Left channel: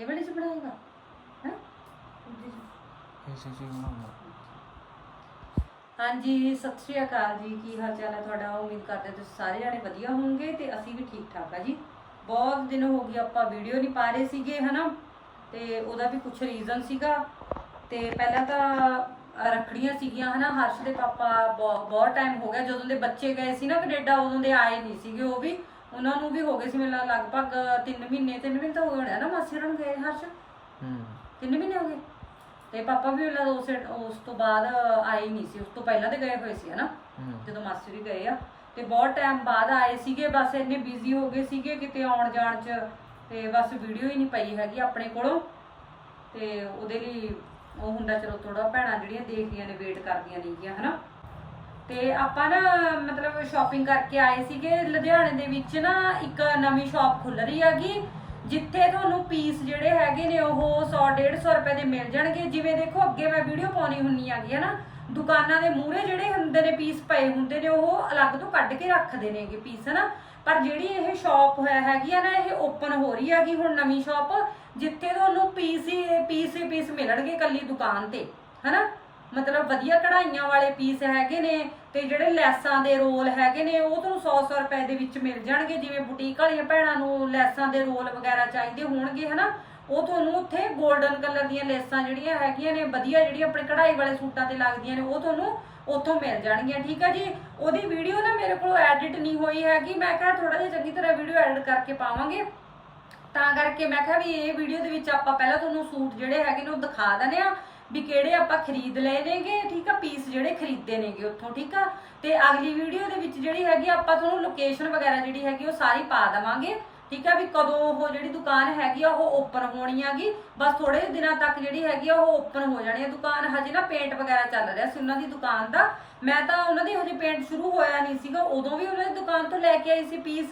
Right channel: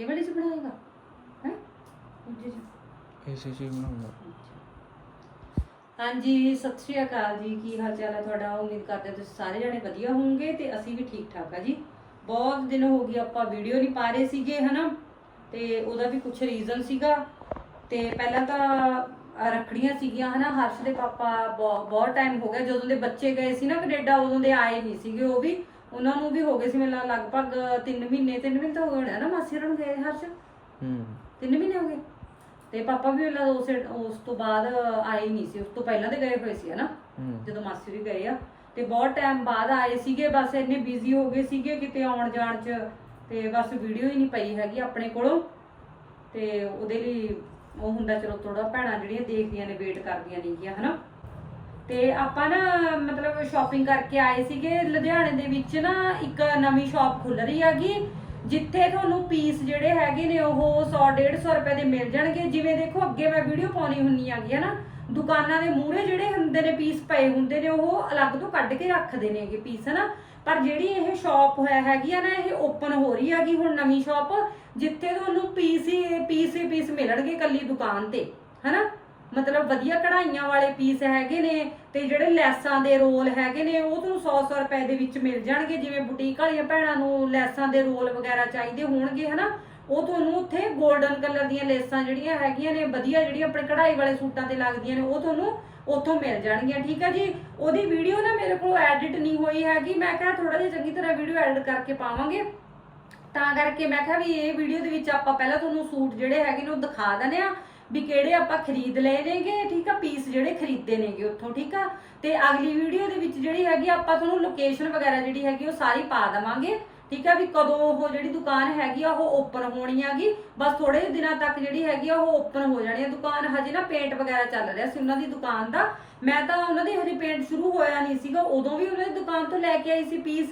ਇਹ ਵਾਲੇ ਚ ਬਣਾਏਗਾ? ਹੈ? ਦੂਜੇ ਚ। ਇਸੇ ਚੀਜ਼ ਬਣਾਉਂਦਾ। ਹਾਂਜੀ ਸਤਿ ਸ਼੍ਰੀ ਅਕਾਲ ਜੀ। ਕੀ ਹਾਲ ਚਾਲ ਹੈ ਤੁਹਾਡਾ? ਉਮੀਦ ਕਰਦੇ ਹਾਂ ਤੁਸੀਂ ਸਾਰੇ ਜਣੇ ਵਧੀਆ ਹੋਵੋਗੇ ਤੇ ਅਸੀਂ ਵੀ ਠੀਕ ਠਾਕ ਆ ਜੀ। ਬਹੁਤ ਦਿਨ ਹੋ ਗਏ ਆਪਾਂ ਵੀਡੀਓ ਨਹੀਂ ਪਾ ਰਹੇ ਸੀਗੇ ਹਨਾ? ਤੇ ਉਹਦਾ ਵੀ ਕੁਝ ਰੀਜ਼ਨ ਸੀਗਾ। ਤੇ ਪਹਿਲਾਂ ਤਾਂ ਰੱਖੜੀਆਂ ਸੀਗੀਆਂ ਹਨਾ? ਹਰਸ਼ ਦੇ ਪਾਪਾ ਬਹੁ- ਬਹੁਤ ਟਾਈਮ ਹੋ ਗਿਆ। ਜਦੋਂ ਦੇ ਬੱਚੇ ਗਏ ਸੀ ਨਾ ਕੈਨੇਡਾ ਉਦੋਂ ਦੇ ਆਏ ਨਹੀਂ ਸੀਗੇ ਉਹ ਵੀ। ਉਹਨਾਂ ਨੂੰ ਵੀ ਹੋ ਗਏ ਸੀ ਮੈਨੂੰ ਲੱਗ- ਲਗਭਗ 3 ਮਹੀਨੇ 3 ਮਹੀਨੇ ਤਾਂ ਹੋ ਗਏ ਹੋਣੇ ਆ ਨਾ ਮਾਸੀ ਹੋਰਾਂ ਨੂੰ ਗਏ ਹਰਸ਼। ਹੂੰ। ਤਿੰਨ ਮਹੀਨੇ ਹੋ ਗਏ। ਤੇ ਪਾਪਾ ਵੀ ਉਹਨਾਂ ਉਸ ਉਸ ਤੋਂ ਬਾਅਦ ਆਏ ਨਹੀਂ ਸੀ ਉਸ ਤੋਂ ਪਹਿਲਾਂ ਦੇ ਗਏ ਹੋਏ ਸੀ ਹਨਾ? ਹੂੰ। ਜਦੋਂ ਮਾਸੀ ਵੀ ਗਏ ਆ। ਤੇ ਬਹੁਤ ਟਾਈਮ ਬਾਅਦ ਆਏ ਸੀਗੇ ਬਸ ਇੰਨੇ ਬਿਜ਼ੀ ਹੋ ਗਏ ਸੀਗੇ ਕਿਤੇ ਆਉਣ ਜਾਣ ਚ। ਤੇ ਬਸ ਵੀਡੀਓ ਹੀ ਨਹੀਂ ਪਈ ਹੈਗੀ ਆਪਣੇ ਕੋਲੋਂ। ਤੇ ਉਹਦੇ ਲਈ ਉਹ ਹੁੰਦਾ ਚਲੋ ਥੋੜਾ ਭੈਣਾਂ ਜਿਹੜੀਆਂ ਦੇਖਦੀਆਂ ਨੇ ਵੇਟ ਕਰਦੀਆਂ ਨੇਗੀਆਂ ਹਨਾ? ਤੇ ਆਪਾਂ ਨਾ ਮਤਲਬ ਸ਼ਾਪਿੰਗ ਕਰਕੇ ਆਏ ਸੀਗੇ, ਲੁਧਿਆਣੇ ਦੇ ਵਿੱਚ ਨਾ ਇੱਕ ਨਵੀਂ ਸ਼ਾਪ ਖੁੱਲ ਰਹੀ ਹੈਗੀ, ਜਿੱਥੇ ਤੁਹਾਨੂੰ ਪੀਸ ਜਿਹੜੇ ਹੈਗੇ ਨੇ ਉਹ 100 150 ਰੁਪਏ ਦੇ ਮਿਲ ਜਾਣਗੇ। ਜਿਵੇਂ ਦੇਖੋ, ਅੱਗੇ ਮੈਂ ਵੀਡੀਓ ਪਾਉਣੀ ਹੁੰਨੀ ਹੈਗੀ ਹੈ ਨਾ, ਦੁਕਾਨਾਂ ਦੇ ਮੂਹਰੇ ਜਿਹੜੇ ਹੁੰਦੇ ਨੇ ਪੀਸ ਪਏ ਹੁੰਦੇ ਨੇ, ਉਹ ਅਲੱਗ ਤੋਂ ਕੱਢ ਕੇ ਰੱਖਦੇ ਨੇਗੇ ਪੀਸ ਹਨਾ? ਪਰ ਜਿਹੜੀ ਇਹ ਸ਼ਾਪ ਹੋਇਆ ਹੈਗੀ ਆ ਨਾ, ਇਹ ਓਪਨ ਹੋ ਰਹੀ ਹੈਗੀ ਹੁਣ ਨਵੀਂ ਸ਼ਾਪ ਜਿੱਥੇ ਤੁਹਾਨੂੰ ਪੀਸ ਹੀ ਪੀਸ ਹੀ ਪੀਸ ਮਿਲਣਗੇ ਕੱਲੀ ਦੁਕਾਨ ਤੇ, ਹਨਾ? ਮਤਲਬ ਵਧੀਆ ਕਢਾਈਆਂ ਵਾਲੇ ਪੀਸ ਹੈਗੇ ਨੇ ਤੇ ਜਿਹੜੇ ਲੈਸਾਂ ਦੇ ਰੋਲ ਹੈਗੇ ਨੇ, ਉਹ ਤੁਹਾਨੂੰ 100-100 ਰੁਪਏ ਦੇ ਵਿੱਚ ਮਿਲ ਜਾਣਗੇ। ਜਿਵੇਂ ਬੁਟੀਕ ਵਾਲੀਆਂ ਭੈਣਾਂ ਨੂੰ ਲੈਸਾਂ ਦੇ ਰੋਲ ਵਗੈਰਾ ਚਾਹੀਦੇ ਹੋਣਗੇ, ਹਨਾ? ਉਹ ਤੁਹਾਨੂੰ ਉੱਥੇ 골ਡਨ ਕਲਰ ਦੀਆਂ ਲੈਸਾਂ ਜਿਹੜੀਆਂ ਹੈਗੀਆਂ ਨੇ, ਵਧੀਆ ਜਿਹੜੀਆਂ ਆਪਣੇ ਕਢਾਈ ਵਾਲੇ ਸੂਟਾਂ ਤੇ ਲੱਗਦੀਆਂ ਨੇ, ਉਹ ਤੁਹਾਨੂੰ ਉੱਥੋਂ ਮਿਲ ਜਾਣਗੀਆਂ, ਠੀਕ ਹੈ ਜੀ? ਉਹਦੀ ਵੀਡੀਓ ਨਾ ਮੇਰੇ ਕੋਲ ਐਡਿਟ ਨਹੀਂ ਹੋਈ ਹੈਗੀ। ਮੈਂ ਕਿਹਾ ਥੋੜਾ ਜਿਹਾ ਚੰਗੀ ਤਰ੍ਹਾਂ ਵੀਡੀਓ ਐਡਿਟ ਕਰਕੇ ਪਾਵਾਂਗੇ। ਤਾਂ ਕਰਕੇ ਮੈਂ ਕਿਹਾ ਵੀ ਇਹ ਵੀਡੀਓ ਦੇ ਵਿੱਚ ਆਪਾਂ ਪਹਿਲਾਂ ਤੁਹਾਨੂੰ ਸੂਟ ਜਿਹੜੇ ਹੈਗੇ ਨੇ ਉਹ ਦਿਖਾ ਦਨੇ ਆ ਵੀ ਕਿਹੜੇ ਆਪਾਂ ਖਰੀਦ ਲਏ ਨੇਗੇ, ਠੀਕ ਆ ਪੀਸ ਜਿਹੜੇ ਖਰੀਦੇ ਨੇਗੇ ਉੱਥੋਂ, ਠੀਕ ਆ? ਤੇ ਅਗਲੀ ਵੀਡੀਓ ਦੇ ਵਿੱਚ ਜਿਹੜੀ ਹੈਗੀ ਆਪਾਂ ਤੁਹਾਨੂੰ ਲੋਕੇਸ਼ਨ ਵਗੈਰਾ ਜਿਹੜੀ ਹੈਗੀ ਉਹ ਸਾਰੀ ਪਾ ਦਵਾਂਗੇ, ਠੀਕ ਆ? ਵੀ ਕਦੋਂ ਉਹ ਜਿਹੜੀ ਦੁਕਾਨ ਹੈਗੀ ਆ, ਉਹ ਓਪਨ ਹੋਣੀ ਹੈਗੀ। ਬਸ ਥੋੜੇ ਦਿਨਾਂ ਤੱਕ ਜਿਹੜੀ ਹੈਗੀ ਆ, ਉਹ ਓਪਨ ਹੋ ਜਾਣੀ ਆ। ਦੁਕਾਨ ਹਜੇ ਨਾ ਪੇਂਟ ਵਗੈਰਾ ਚੱਲ ਰਿਹਾ ਸੀ, ਉਹਨਾਂ ਦੀ ਦੁਕਾਨ ਦਾ। ਮੈਂ ਤਾਂ ਉਹਨਾਂ ਦੇ ਹਜੇ ਪੇਂਟ ਸ਼ੁਰੂ ਹੋਇਆ ਨਹੀਂ ਸੀਗਾ ਉਦੋਂ ਵੀ ਉਹਨਾਂ ਦੀ ਦੁਕਾਨ ਤੋਂ ਲੈ ਕੇ ਆਈ ਸੀ ਪੀਸ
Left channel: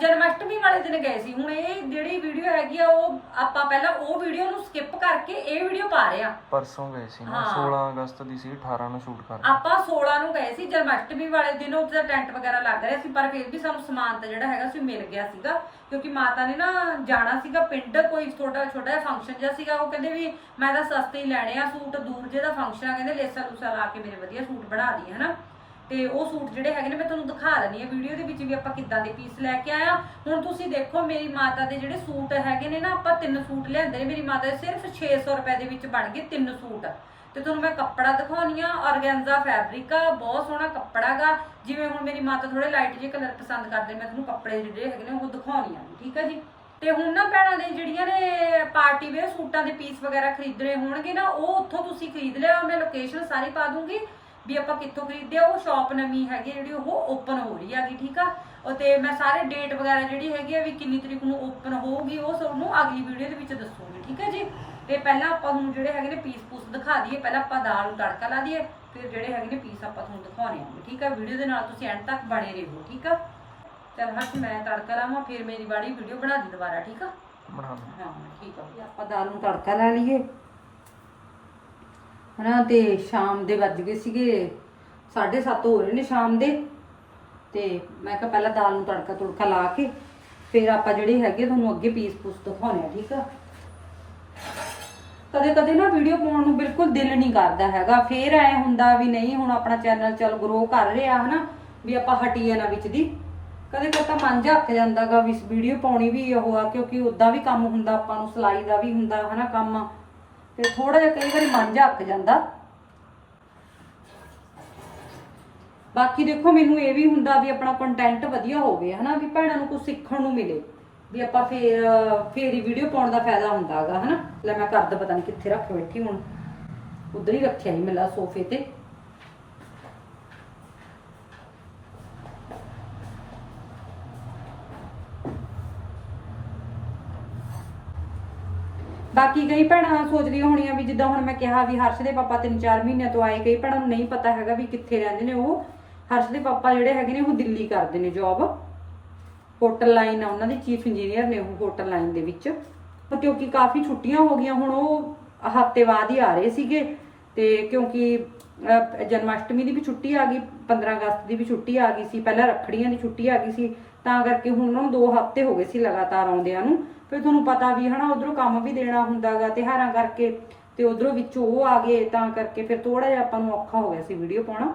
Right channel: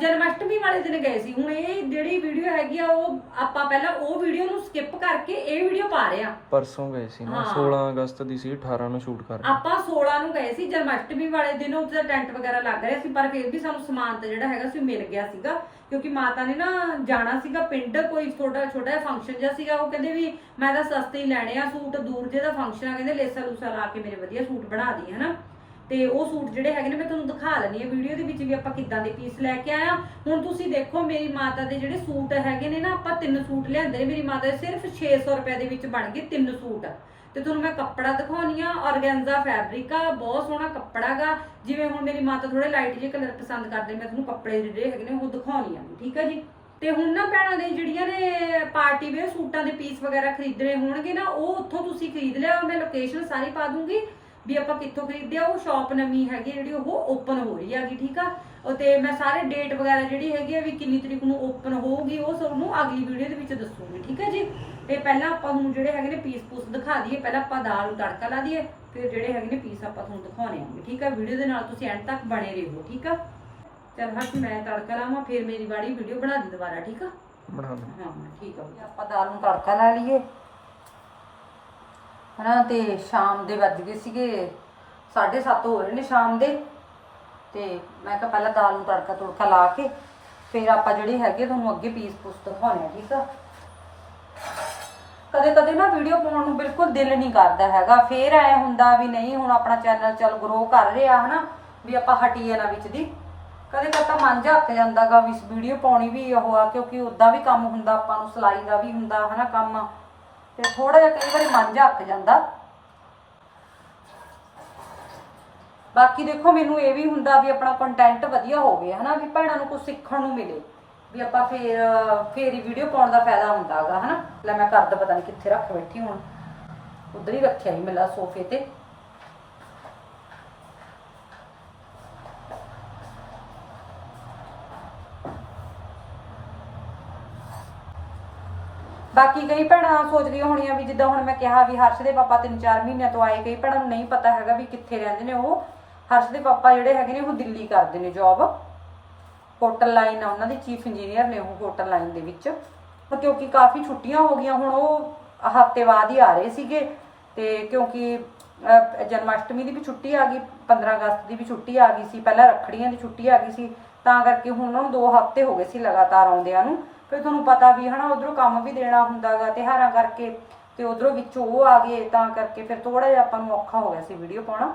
ਜਨਮਸ਼ਟਮੀ ਵਾਲੇ ਦਿਨ ਗਏ ਸੀ। ਹੁਣ ਇਹ ਜਿਹੜੀ ਵੀਡੀਓ ਹੈਗੀ ਆ ਉਹ ਆਪਾਂ ਪਹਿਲਾਂ ਉਹ ਵੀਡੀਓ ਨੂੰ ਸਕਿਪ ਕਰਕੇ ਇਹ ਵੀਡੀਓ ਪਾ ਰਹੇ ਆ। ਪਰਸੋਂ ਗਏ ਸੀ ਨਾ ਹਾਂ। 16 ਅਗਸਤ ਦੀ ਸੀ 18 ਨੂੰ ਸ਼ੂਟ ਕਰ ਆਪਾਂ 16 ਨੂੰ ਗਏ ਸੀ ਜਨਮਸ਼ਟਮੀ ਵਾਲੇ ਦਿਨ ਉੱਥੇ ਦਾ ਟੈਂਟ ਵਗੈਰਾ ਲੱਗ ਰਿਹਾ ਸੀ ਪਰ ਫਿਰ ਵੀ ਸਾਨੂੰ ਸਮਾਨ ਤਾਂ ਜਿਹੜਾ ਹੈਗਾ ਸੀ ਮਿਲ ਗਿਆ ਸੀਗਾ ਕਿਉਂਕਿ ਮਾਤਾ ਨੇ ਨਾ ਜਾਣਾ ਸੀਗਾ ਪਿੰਡ ਕੋਈ ਛੋਟਾ ਛੋਟਾ ਜਿਹਾ ਫੰਕਸ਼ਨ ਜਿਹਾ ਸੀਗਾ ਉਹ ਕਹਿੰਦੇ ਵੀ ਮੈਂ ਤਾਂ ਸਸਤੇ ਹੀ ਲੈਣੇ ਆ ਸੂਟ ਦੂਰ ਜੇ ਦਾ ਫੰਕਸ਼ਨ ਆ ਕਹਿੰਦੇ ਲੇਸਾ ਲੂਸਾ ਲਾ ਕੇ ਮੇਰੇ ਵਧੀਆ ਸੂਟ ਬਣਾ ਦੀ, ਹਨਾ? ਤੇ ਉਹ ਸੂਟ ਜਿਹੜੇ ਹੈਗੇ ਨੇ ਮੈਂ ਤੁਹਾਨੂੰ ਦਿਖਾ ਲੈਣੀ ਹੈ ਵੀਡੀਓ ਦੇ ਵਿੱਚ ਵੀ ਆਪਾਂ ਕਿੱਦਾਂ ਦੇ ਪੀਸ ਲੈ ਕੇ ਆਇਆ ਹੁਣ ਤੁਸੀਂ ਦੇਖੋ, ਮੇਰੀ ਮਾਤਾ ਦੇ ਜਿਹੜੇ ਸੂਟ ਹੈਗੇ ਨੇ ਨਾ, ਆਪਾਂ ਤਿੰਨ ਸੂਟ ਲਿਆਂਦੇ ਨੇ। ਮੇਰੀ ਮਾਤਾ ਦੇ ਸਿਰਫ 600 ਰੁਪਏ ਦੇ ਵਿੱਚ ਬਣ ਗਏ ਤਿੰਨ ਸੂਟ। ਤੇ ਤੁਹਾਨੂੰ ਮੈਂ ਕੱਪੜਾ ਦਿਖਾਉਣੀ ਆ ਆਰਗੈਂਜ਼ਾ ਫੈਬਰਿਕ ਆ, ਬਹੁਤ ਸੋਹਣਾ ਕੱਪੜਾ ਜਿਵੇਂ ਹੁਣ ਮੇਰੀ ਮਾਤਾ ਥੋੜੇ ਲਾਈਟ ਜਿਹੇ ਕਲਰ ਪਸੰਦ ਕਰਦੇ, ਮੈਂ ਤੁਹਾਨੂੰ ਕੱਪੜੇ ਜਿਹੜੇ ਹੈਗੇ ਨੇ ਉਹ ਦਿਖਾਉਣੀ ਆ ਠੀਕ ਆ ਜੀ? ਤੇ ਹੁਣ ਨਾ ਭੈਣਾਂ ਦੇ ਜਿਹੜੀਆਂ ਨੇ ਪਾਰਟੀ ਵੇਅਰ ਸੂਟਾਂ ਦੇ ਪੀਸ ਵਗੈਰਾ ਖਰੀਦਣੇ ਹੋਣਗੇ ਨਾ, ਉਹ ਉੱਥੋਂ ਤੁਸੀਂ ਖਰੀਦ ਲਿਆ ਮੈਂ ਲੋਕੇਸ਼ਨ ਸਾਰੀ ਪਾ ਦੂੰਗੀ। ਵੀ ਆਪਾਂ ਕਿੱਥੋਂ ਖਰੀਦਦੇ ਆ ਉਹ ਸ਼ਾਪ ਨਵੀਂ ਹੈਗੀ ਜਿਹੜੀ ਉਹ ਓਪਨ ਹੋ ਰਹੀ ਹੈਗੀ ਠੀਕ ਆ? ਤੇ ਮੈਂ ਸਾਰੇ ਡੇਟ ਵਗੈਰਾ ਜਿਹੜੀ ਹੈਗੀ ਆ ਵੀ ਕਿੰਨੀ ਤਰੀਕ ਨੂੰ ਓਪਨ ਹੋਊਗੀ ਉਹ ਸਭ ਨੂੰ ਅਗਲੀ ਵੀਡੀਓ ਦੇ ਵਿੱਚ ਦੱਸੂਗੀ ਠੀਕ ਹੈ ਜੀ? ਤੇ ਪਹਿਲਾਂ ਆਪਾਂ ਹੁਣ ਜਿਹੜੇ ਹੈਗੇ ਨੇ ਪੀਸ ਪੂਸ ਦਿਖਾ ਦਈਏ ਪਹਿਲਾਂ ਆਪਾਂ ਦਾਲ ਨੂੰ ਤੜਕਾ ਲਾ ਦਈਏ ਫਿਰ ਜਿਹੜੇ ਹੈਗੇ ਨੇ ਪੀਸ ਆਪਾਂ ਤੁਹਾਨੂੰ ਦਿਖਾਉਣੇ ਆਂਗੇ ਠੀਕ ਆ? ਵੀਡੀਓ ਦੇ ਨਾਲ ਤੁਸੀਂ ਐਂਡ ਤੱਕ ਬਣੇ ਰਹੋ ਠੀਕ ਆ? ਚਲ ਹੱਥ ਮੈਂ ਤੜਕਾ ਲਾਵਾਂ ਫਿਰ ਮੇਰੀ ਬਾੜੀ ਵੀਡੀਓ ਬਣਾ ਦੀ ਦੁਬਾਰਾ ਠੀਕ ਆ? ਬਣਾ ਲੈ ਹਾਂ ਠੀਕ ਆ ਆਪਾਂ ਦਾਲ ਨੂੰ ਤੜਕਾ ਲਾ ਲਈਏ। ਹਨਾ, ਤੇ ਸ਼ਾਮ ਦੇ ਵੱਜ ਗਏ ਸੀਗੇ 7:30 ਹੋ ਰਹੇ ਨੇ ਸ਼ਾਮ ਦੇ। ਤੇ ਮੈਂ ਕਿਹਾ ਪਹਿਲਾਂ ਦਾਲ ਨੂੰ ਤੜਕਾ ਤੁੜਕਾ ਲਾ ਕੇ, ਫਿਰ ਆਪਾਂ ਜਿਹੜੇ ਹੈਗੇ ਤੁਹਾਨੂੰ ਅੱਗੇ ਪੀਸ ਪੂਸ ਦਿਖਾਉਣੇ ਆ, ਠੀਕ ਆ? ਕਦੇ ਕਦੇ ਨਾ ਵੀਡੀਓ ਪਾਉਣ ਨੂੰ ਬਿਲਕੁਲ ਦਿਲ ਨਹੀਂ ਕਰਦਾ ਹੈਗਾ। ਫੇਰ ਐ ਹੁੰਦਾ ਵੀ ਨਹੀਂ, ਹੁਣ ਆਪਣਾ ਚੈਨਲ ਚੱਲ ਗਰੋ ਕਰ ਰਿਹਾ ਹਨਾ, ਵੀ ਆਪਾਂ ਹਟੀਏ ਨਾ ਵਿੱਚ ਦੀ। ਕਦੇ ਕਦੇ ਤਾਂ ਮਨ ਝੱਕ ਜਾਂਦਾਗਾ ਵੀ ਵੀਡੀਓ ਪਾਉਣੀ ਵੀ ਉਹ ਆ, ਕਿਉਂਕਿ ਉਦਾਂ ਵੀ ਕੰਮ ਹੁੰਦਾ, ਆਪਾਂ ਨੂੰ ਸਿਲਾਈ ਦਾ ਵੀ ਹੁੰਦਾ, ਹਨਾ, ਕੰਮ। ਤੇ ਥੋੜਾ ਜਿਹਾ ਕਈ ਵਾਰੀ ਮਨ ਝੱਕ ਜਾਂਦਾ। ਬਾਕੀ ਦੇਖੋ, ਮੈਨੂੰ ਇਹ ਵੀ ਹੁੰਦਾ ਵੀ ਆਪਣਾ ਕੰਟੈਂਟ ਵਧੀਆ ਹੋਵੇ, ਹਨਾ, ਵੀ ਭੈਣਾਂ ਨੂੰ ਕੁਝ ਸਿੱਖਣ ਨੂੰ ਮਿਲੇ, ਵੀ ਆਪਾਂ ਫੇਰ ਫੇਰ ਹੀ ਵੀਡੀਓ ਪਾਉਣ ਦਾ ਫਾਇਦਾ ਹੁੰਦਾ ਹੈਗਾ ਹਨਾ। ਲੈ ਮੈਂ ਕਰਦਾ ਪਤਾ ਨਹੀਂ ਕਿੱਥੇ ਰੱਖ ਬੈਠੀ ਹੁਣ, ਉਧਰ ਹੀ ਰੱਖਿਆ ਨਹੀਂ ਮਿਲਾ ਸੋਫੇ ਤੇ। ਬਾਕੀ ਕਈ ਭੈਣਾਂ ਸੋਚਦੀਆਂ ਹੋਣੀਆਂ ਵੀ ਜਿੱਦਾਂ ਹੁਣ ਮੈਂ ਕਿਹਾ ਵੀ ਹਰਸ਼ ਦੇ ਪਾਪਾ 3-4 ਮਹੀਨਿਆਂ ਤੋਂ ਆਏ ਕਈ ਭੈਣਾਂ ਨੂੰ ਨਹੀਂ ਪਤਾ ਹੈਗਾ ਵੀ ਕਿੱਥੇ ਰਹਿੰਦੇ ਨੇ ਉਹ। ਹਰਸ਼ ਦੇ ਪਾਪਾ ਜਿਹੜੇ ਹੈਗੇ ਨੇ ਉਹ ਦਿੱਲੀ ਕਰਦੇ ਨੇ ਜੌਬ ਹੋਟਲ ਲਾਈਨ ਆ ਉਹਨਾਂ ਦੇ ਚੀਫ ਇੰਜੀਨੀਅਰ ਨੇ ਉਹ ਹੋਟਲ ਲਾਈਨ ਦੇ ਵਿੱਚ। ਪਰ ਕਿਉਂਕਿ ਕਾਫੀ ਛੁੱਟੀਆਂ ਹੋ ਗਈਆਂ ਹੁਣ ਉਹ ਹਫ਼ਤੇ ਬਾਅਦ ਹੀ ਆ ਰਹੇ ਸੀਗੇ। ਤੇ ਕਿਉਂਕਿ ਅਹ, ਜਨਮਾਸ਼ਟਮੀ ਦੀ ਵੀ ਛੁੱਟੀ ਆ ਗਈ 15 ਅਗਸਤ ਦੀ ਵੀ ਛੁੱਟੀ ਆ ਗਈ ਸੀ ਪਹਿਲਾਂ ਰੱਖੜੀਆਂ ਦੀ ਛੁੱਟੀ ਆ ਗਈ ਸੀ। ਤਾਂ ਕਰਕੇ ਹੁਣ ਉਹਨਾਂ ਨੂੰ 2 ਹਫ਼ਤੇ ਹੋ ਗਏ ਸੀ ਲਗਾਤਾਰ ਆਉਂਦਿਆਂ ਨੂੰ। ਫਿਰ ਤੁਹਾਨੂੰ ਪਤਾ ਵੀ ਹਨਾ, ਉਧਰੋਂ ਕੰਮ ਵੀ ਦੇਣਾ ਹੁੰਦਾਗਾ, ਤਿਉਹਾਰਾਂ ਕਰਕੇ ਤੇ ਉਧਰੋਂ ਵਿੱਚੋਂ ਉਹ ਆ ਗਏ, ਤਾਂ ਕਰਕੇ ਫਿਰ ਥੋੜਾ ਜਿਹਾ ਆਪਾਂ ਨੂੰ ਔਖਾ ਹੋ ਗਿਆ ਸੀ ਵੀਡੀਓ ਪਾਉਣਾ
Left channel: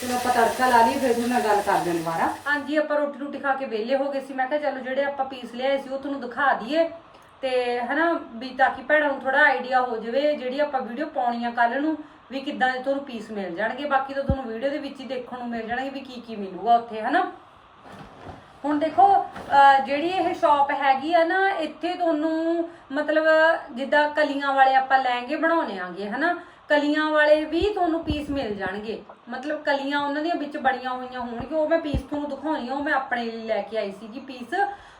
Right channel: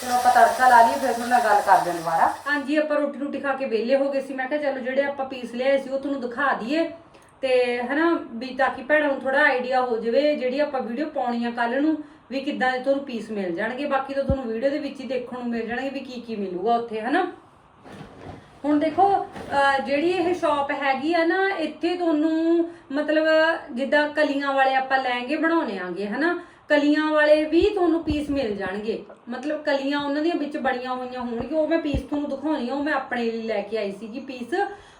ਚਲੋ ਆਪਾਂ ਤੜਕਾ ਲਾ ਲਈ ਫਿਰ ਤੁਹਾਡੇ ਨਾਲ ਗੱਲ ਕਰਦੇ ਹਾਂ ਦੁਬਾਰਾ। ਹਾਂਜੀ, ਆਪਾਂ ਰੋਟੀ ਰੋਟੀ ਖਾ ਕੇ ਵਿਹਲੇ ਹੋ ਗਏ ਸੀ। ਮੈਂ ਕਿਹਾ ਚਲੋ ਜਿਹੜੇ ਆਪਾਂ ਪੀਸ ਲਿਆਏ ਸੀ, ਉਹ ਤੁਹਾਨੂੰ ਦਿਖਾ ਦਈਏ। ਤੇ ਹਨਾ, ਵੀ ਤਾਂ ਕਿ ਭੈਣਾਂ ਨੂੰ ਥੋੜਾ ਆਈਡੀਆ ਹੋ ਜਾਵੇ, ਜਿਹੜੀ ਆਪਾਂ ਵੀਡੀਓ ਪਾਉਣੀ ਆ ਕੱਲ ਨੂੰ, ਵੀ ਕਿੱਦਾਂ ਦੇ ਤੁਹਾਨੂੰ ਪੀਸ ਮਿਲ ਜਾਣਗੇ। ਬਾਕੀ ਤਾਂ ਤੁਹਾਨੂੰ ਵੀਡੀਓ ਦੇ ਵਿੱਚ ਹੀ ਦੇਖਣ ਨੂੰ ਮਿਲ ਜਾਣਗੇ ਵੀ ਕੀ ਕੀ ਮਿਲੂਗਾ ਉੱਥੇ, ਹਨਾ। ਹੁਣ ਦੇਖੋ, ਅਹ, ਜਿਹੜੀ ਇਹ ਸ਼ਾਪ ਹੈਗੀ ਆ ਨਾ, ਇੱਥੇ ਤੁਹਾਨੂੰ ਮਤਲਬ ਜਿੱਦਾਂ ਕਲੀਆਂ ਵਾਲੇ ਆਪਾਂ ਲਹਿੰਗੇ ਬਣਾਉਣੇ ਆਂਗੇ, ਹਨਾ। ਕਲੀਆਂ ਵਾਲੇ ਵੀ ਤੁਹਾਨੂੰ ਪੀਸ ਮਿਲ ਜਾਣਗੇ। ਮਤਲਬ ਕਲੀਆਂ ਉਹਨਾਂ ਦੀਆਂ ਵਿੱਚ ਬਣੀਆਂ ਹੋਈਆਂ ਹੋਣਗੀਆਂ, ਉਹ ਮੈਂ ਪੀਸ ਤੁਹਾਨੂੰ ਦਿਖਾਉਣੀ ਆ, ਉਹ ਮੈਂ ਆਪਣੇ ਲਈ ਲੈ ਕੇ ਆਈ ਸੀਗੀ ਪੀਸ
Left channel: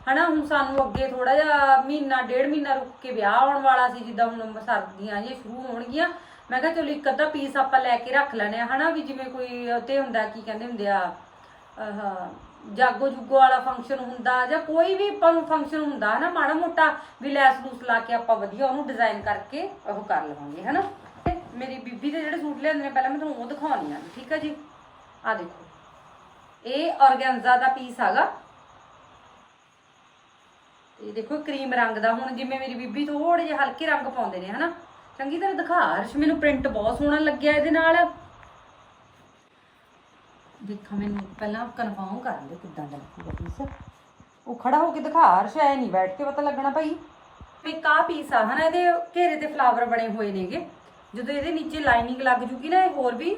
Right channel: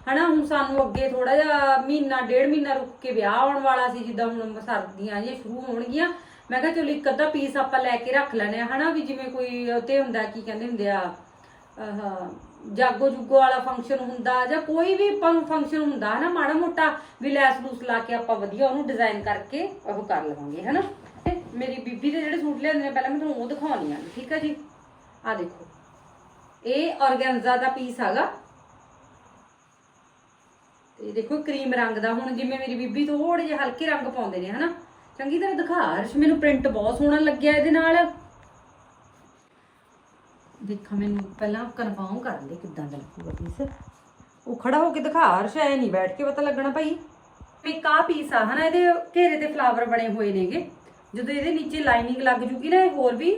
ਹਨਾ, ਹੁਣ ਸਾਨੂੰ ਅੱਗੇ ਥੋੜਾ ਜਿਹਾ ਮਹੀਨਾ, ਡੇਢ ਮਹੀਨਾ ਰੁਕ ਕੇ ਵਿਆਹ ਆਉਣ ਵਾਲਾ ਸੀ, ਜਿੱਦਾਂ ਹੁਣ ਸਰਦੀਆਂ ਜੇ ਸ਼ੁਰੂ ਹੋਣਗੀਆਂ। ਮੈਂ ਕਿਹਾ ਚਲੋ ਇੱਕ ਅੱਧਾ ਪੀਸ ਆਪਾਂ ਲੈ ਕੇ ਰੱਖ ਲੈਣੇ ਆ ਹਨਾ, ਵੀ ਜਿਵੇਂ ਕੋਈ ਤੇ ਹੁੰਦਾ, ਕੀ ਕਹਿੰਦੇ ਹੁੰਦੇ ਆ, ਆਹ ਜਾਗੋ ਜੁਗੋ ਵਾਲਾ ਫੰਕਸ਼ਨ ਹੁੰਦਾ, ਜਾਂ ਕੋਈ ਵੀ ਫੰਕਸ਼ਨ ਹੁੰਦਾ, ਹਨਾ, ਮਾੜਾ ਮੋਟਾ ਵੀ ਲੈਸ ਲੂਸ ਲਾ ਕੇ ਆਪਾਂ ਵਧੀਆ ਉਹਨੂੰ ਡਿਜ਼ਾਈਨ ਕਰਕੇ ਉਹ ਕਰ ਲਵਾਂਗੇ, ਹਨਾ। ਮੇਰੀ ਬੀਬੀ ਦੇ ਜਿਹੜੇ ਸੂਟ ਲਿਆਂਦੇ ਨੇ, ਪਹਿਲਾਂ ਮੈਂ ਤੁਹਾਨੂੰ ਉਹ ਦਿਖਾਉਣੀ ਆ। ਠੀਕ ਹੈ ਜੀ? ਆ ਦੇਖੋ। ਇਹ ਔਰਗੈਂਜ਼ਾ ਦਾ ਪੀਸ ਹੈਗਾ। ਤੇ ਦੇਖੋ, ਕਰੀਮ ਰੰਗ ਦਾ ਹੁਣ ਜਿਵੇਂ ਮੇਰੀ ਬੀਬੀ ਥੋੜੇ ਜਿਹੇ ਹਲਕੇ ਰੰਗ ਪਾਉਂਦੇ ਨੇ, ਹਨਾ? ਚੰਗੀ ਤਰ੍ਹਾਂ ਦਿਖਾ, ਹਰਸ਼, ਮੈਨੂੰ ਪ੍ਰਿੰਟ ਬਹੁਤ ਸੋਹਣਾ ਲੱਗਿਆ ਇਹਦੇ ਨਾਲ। ਦੇਖਾਂ, ਮੈਨੂੰ ਪਹਿਲਾਂ ਕਨਫਰਮ ਕਰ ਲੈ ਕਿੱਦਾਂ ਦਾ ਲੱਗੂਗਾ ਪੀਸ ਉਹ ਖੜਾ ਹੋ ਕੇ ਦਿਖਾ, ਹਰਸ਼, ਐ ਨਹੀਂ ਬੈਠ ਕੇ ਪਤਾ ਲੱਗਣਾ ਭਾਈ। ਇੱਕ ਆਹ ਪੀਸ ਆ, ਹਨਾ, ਇਹਦੇ ਘੇਰੇ ਤੇ ਫਲਾਵਰ ਬਣੇ ਹੋਏ ਨੇਗੇ। ਜਦੋਂ ਇਹਦੇ ਨੀਚੇ ਲਾਈਨਿੰਗ ਲੱਗ ਜੂਗੀ ਨਾ, ਇਹ ਹੋਰ ਵੀ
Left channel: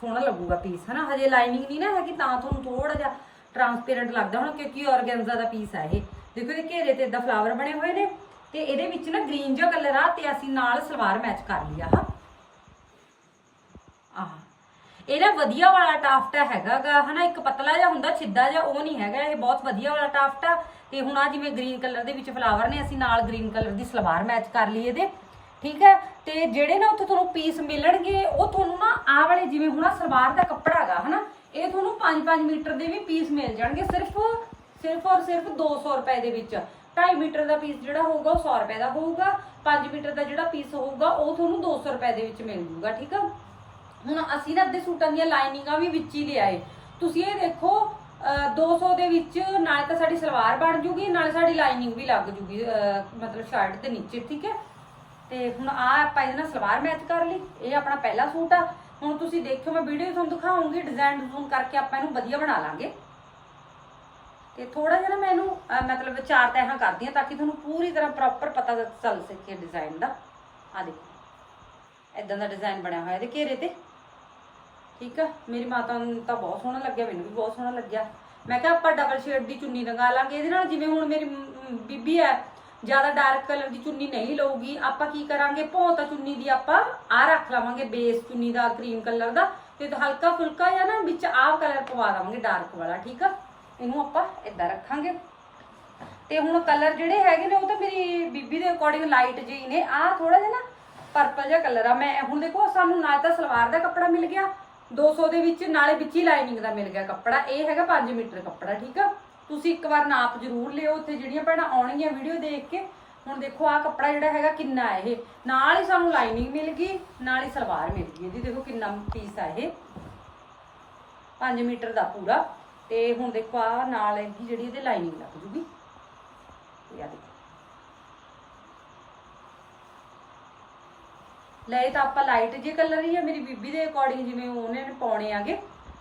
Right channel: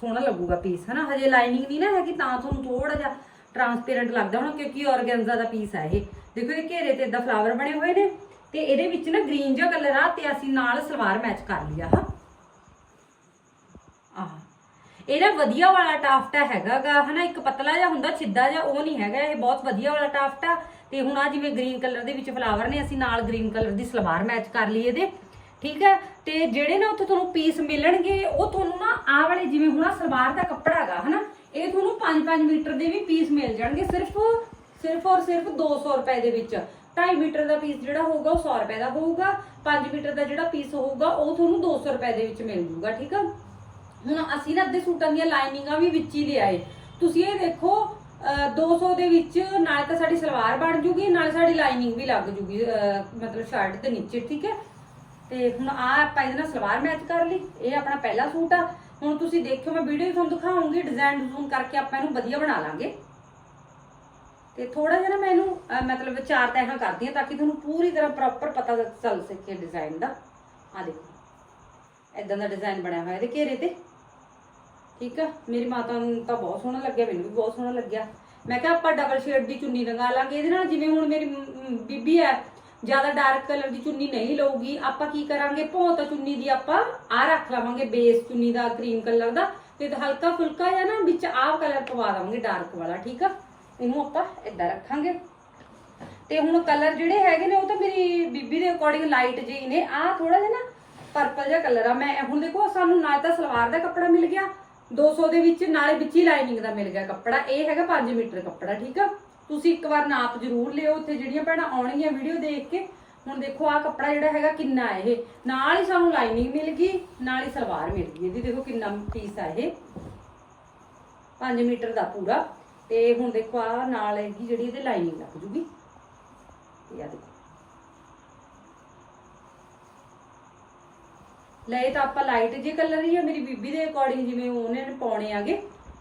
ਸੋਹਣਾ ਲੱਗੂਗਾ ਪੀਸ ਹਨਾ? ਹਜੇ ਲਾਈਨਿੰਗ ਨਹੀਂ ਨਾ ਹੈਗੀ, ਤਾਂ ਤੁਹਾਨੂੰ ਥੋੜਾ ਜਿਹਾ ਟਰਾਂਸਪੇਰੈਂਟ ਲੱਗਦਾ ਹੁਣ, ਕਿਉਂਕਿ ਆਰਗੈਂਜ਼ਾ ਦਾ ਪੀਸ ਆ ਇਹ। ਦੇਖੋ, ਇਹਦੇ ਘੇਰੇ ਤੇ ਇਦਾਂ ਫਲਾਵਰ ਬਣੇ ਹੋਏ ਨੇ, ਤੇ ਇਹਦੇ ਵਿੱਚ ਨਾ ਗ੍ਰੀਨ ਜਿਹਾ ਕਲਰ ਆ, ਤੇ ਅਸੀਂ ਨਾਲ ਸਲਵਾਰ ਮੈਚ ਕਰ ਲਿਆ ਹਾਂ। ਆਹ। ਇਹਦਾ ਵਧੀਆ ਵਾਲਾ ਟਾਫਟਾ ਹੈਗਾਗਾ, ਹਨਾ? ਇੱਕ ਪਤਲਾ ਜਿਹਾ ਹੁੰਦਾ ਸਿੱਧਾ ਜਿਹਾ, ਉਹ ਨਹੀਂ ਹੈਗਾ, ਇਹ ਬਹੁਤ ਵਧੀਆ ਵਾਲਾ ਟਾਫਟਾ ਤੇ ਹੁਣ ਆ ਜਿਵੇਂ ਗ੍ਰੀਨ ਕਲਰ ਦੇ ਵਿੱਚ ਫਲਾਵਰ ਨੇ, ਅਸੀਂ ਨਾਲ ਗ੍ਰੀਨ ਕਲਰ ਦੀ ਸਲਵਾਰ ਮੈਚ ਕਰ ਲਈ ਇਹਦੇ, ਠੀਕ ਹੈ ਤੇ ਜਿਹੜੇ ਨਾ ਉੱਥੇ ਤੁਹਾਨੂੰ ਪੀਸ ਮਿਲਣਗੇ, ਉਹ ਤੁਹਾਨੂੰ ਨਾ ਆਹ ਵਾਲੇ ਜਿਵੇਂ ਹੁਣ ਆਹ ਸਲਵਾਰ ਦਾ ਕੱਪੜਾ ਹੈਗਾ ਹਨਾ, ਇਹ ਤੁਹਾਨੂੰ 5-5 ਮੀਟਰ ਦੇ ਵੀ ਪੀਸ ਮਿਲ ਜਾਣਗੇ, ਸਿਰਫ ਸਿਰਫ ਔਰ ਸਿਰਫ 200 ਰੁਪਏ ਦੇ ਵਿੱਚ। 2.5 ਮੀਟਰ ਦਾ ਪੀਸ ਜਿਹੜਾ ਹੋਊਗਾ, ਉਹ 100 ਰੁਪਏ ਦਾ ਹੋਊਗਾ 5 ਮੀਟਰ ਦਾ ਜਿਹੜਾ ਪੀਸ ਹੋਊਗਾ, ਉਹ ਤੁਹਾਨੂੰ 200 ਰੁਪਏ ਦੇ ਵਿੱਚ ਮਿਲ ਜੂਗਾ, ਠੀਕ ਆ? ਹੁਣ ਅਸੀਂ ਨਾ ਅੱਧੇ ਸੂਟਾਂ ਦੀਆਂ ਲਾਈਨਿੰਗਾਂ ਵੀ ਵਿੱਚ ਹੀ ਲਿਆਏ। ਤੁਸੀਂ ਇਹ ਦੇਖੋ, ਅਹ 200 ਦੇ ਵਿੱਚ ਨਾਲੇ ਤਾਂ ਸਾਡੀ ਸਲਵਾਰ ਬਣ ਜੂਗੀ, ਨਾਲੇ ਸਾਡੀ ਲਾਈਨਿੰਗ ਵੀ ਲੱਗ ਜੂਗੀ ਮਤਲਬ ਸ਼ਰਟ ਦੇ ਨੀਚੇ, ਠੀਕ ਹੈ ਤੇ ਹੁਣ ਆ ਆਪਾਂ ਇਹਦੇ ਨਾਲ ਸਲਵਾਰ ਮੈਚ ਕਰ ਲਈ। ਇਹ ਆਪਣਾ ਪਹਿਲਾ ਸੂਟ ਆ। ਹੁਣ ਤੁਸੀਂ ਦੇਖਿਓ, ਮੈਂ ਵੀਡੀਓ ਤੁਹਾਨੂੰ ਦਿਖਾਉਂਗੀ ਡਿਜ਼ਾਈਨ ਡਿਜ਼ਾਈਨ ਕਰਕੇ ਆਪਾਂ ਇਹਨੂੰ ਵਧੀਆ ਬਣਾ ਲਾਂਗੇ। ਤੇ ਥੋੜਾ ਜਿਹਾ ਨਾ ਮੈਂ ਇਹਨੂੰ ਮਤਲਬ ਚਾਰ ਤਹਾਂ ਕਰਦੀ ਹਾਂ ਤਾਂ ਕਿ ਤੁਹਾਨੂੰ ਪੂਰੀ ਤਰ੍ਹਾਂ ਪ੍ਰੋਪਰ ਪਤਾ ਚੱਲ ਸਕੇ ਡਿਜ਼ਾਈਨ ਦਾ। ਆ ਦੇਖੋ। ਇਦਾਂ ਦਾ ਡਿਜ਼ਾਈਨ ਬਣਿਆ ਹੋਇਆ ਇਹਦੇ ਘੇਰੇ ਤੇ। ਠੀਕ ਆ? ਮੇਰੀ ਮਾਤਾ ਨੂੰ ਤਾਂ ਬਹੁਤ ਸੋਹਣਾ ਲੱਗਿਆ, ਮੈਨੂੰ ਵੀ ਬਹੁਤ ਸੋਹਣਾ ਲੱਗਿਆ। ਮੈਂ ਕਿਹਾ ਆਪਾਂ ਡਬਲ ਸ਼ੇਡ ਦੀ ਚੁੰਨੀ ਲਗਾ ਲਾਂਗੇ। ਇਹਦੇ ਨਾਲ ਜਿਵੇਂ ਹੁਣ ਮੇਰੀ ਬੀਬੀ ਹੈ ਜ਼ਿਆਦਾ ਡਾਰਕ ਕਲਰ ਦੀ ਚੁੰਨੀ ਨਹੀਂ ਲਊਗੀ। ਆਪਾਂ ਕੀ ਕਰਾਂਗੇ? ਭੌਂਤਾ ਚੁੰਨੀ ਦੀ ਆਪਾਂ ਆ ਰੱਖ ਲਵਾਂਗੇ ਬੇਸ ਚੁੰਨੀ ਦਾ ਕਰੀਮ ਕਲਰ ਦਾ। ਤੇ ਹਲਕਾ ਫੁਲਕਾ ਜਾਂ ਨਾ ਵਿੱਚ ਆਹ ਕਲਰ ਪਵਾ ਦਵਾਂਗੇ ਡਾਰਕ ਵਾਲਾ, ਠੀਕ ਆ? ਇਹਨੂੰ ਆਪਾਂ ਇਦਾਂ ਰੱਖਾਂਗੇ। ਤੇ ਹੁਣ ਕਲਰ ਜਿਹੜੇ ਹੈਗੇ ਨੇ, ਉਹ ਤਾਂ ਮੇਰੀ ਬੀਬੀ ਦੇ ਅਕੋਰਡਿੰਗ ਲਾਈਟ ਜਿਹੀ ਨੇ। ਆਹ ਥੋੜਾ ਜਿਹਾ ਨਾ ਪਰਪਲ ਜਿਹਾ ਕਲਰ ਆ। ਮੈਂ ਹੁਣ ਦੇਖੋ, ਸਾਨੂੰ ਨਾਲ ਤਾਂ ਸਲਵਾਰ ਦਾ ਕੱਪੜਾ ਮਿਲ ਗਿਆ 200 ਦੇ ਵਿੱਚ, ਨਾਲੇ ਵਿੱਚ ਹੀ ਲਾਈਨਿੰਗ ਦਾ ਮਿਲ ਗਿਆ ਕੱਪੜਾ। ਇਹ ਹੈਗਾ 5 ਮੀਟਰ ਕੱਪੜਾ, ਠੀਕ ਆ? ਤੁਸੀਂ ਇੱਕ ਵਾਰ ਨਾਪ ਜ਼ਰੂਰ ਲਿਓ, ਉੱਥੇ ਜਿਹੜੀਆਂ ਭੈਣਾਂ ਆਉਣਗੀਆਂ ਵੀਡੀਓ ਦੇਖ ਕੇ। ਹੁਣ ਦੇਖੋ ਆ ਕੱਪੜਾ ਜਿਹੜਾ ਹੈਗਾ ਕਿੰਨਾ ਇਹ। ਨਾਲ ਹੀ ਸਾਨੂੰ ਲਾਈਨਿੰਗ ਮਿਲ ਗਈ, ਨਾਲ ਹੀ ਸਲਵਾਰ ਮਿਲ ਗਈ। ਇਹਦੀ ਦੇਖੋ ਕਿੰਨਾ ਪੀਸ ਆ ਇਹ। 5 ਮੀਟਰ ਦਾ ਪੂਰਾ। ਤੇ ਹੁਣ ਦੇਖੋ ਆ ਨਾਲ ਇਹਦੀ ਜਿਹੜੀ ਇਹਦੇ ਲਾਈਨਿੰਗ ਲੱਗ ਜੂਗੀ। ਇਹ ਆ ਦੇਖੋ। ਲਏ ਤਾਂ ਆਪਾਂ ਲਾਈਟ ਜੇ ਕਲਰ ਹੀ ਆ, ਮੇਰੀ ਬੀਬੀ ਦੇ ਅਕੋਰਡਿੰਗ ਜਿਵੇਂ ਉਹਨੇ ਪਾਉਣੇ ਆਗੇ।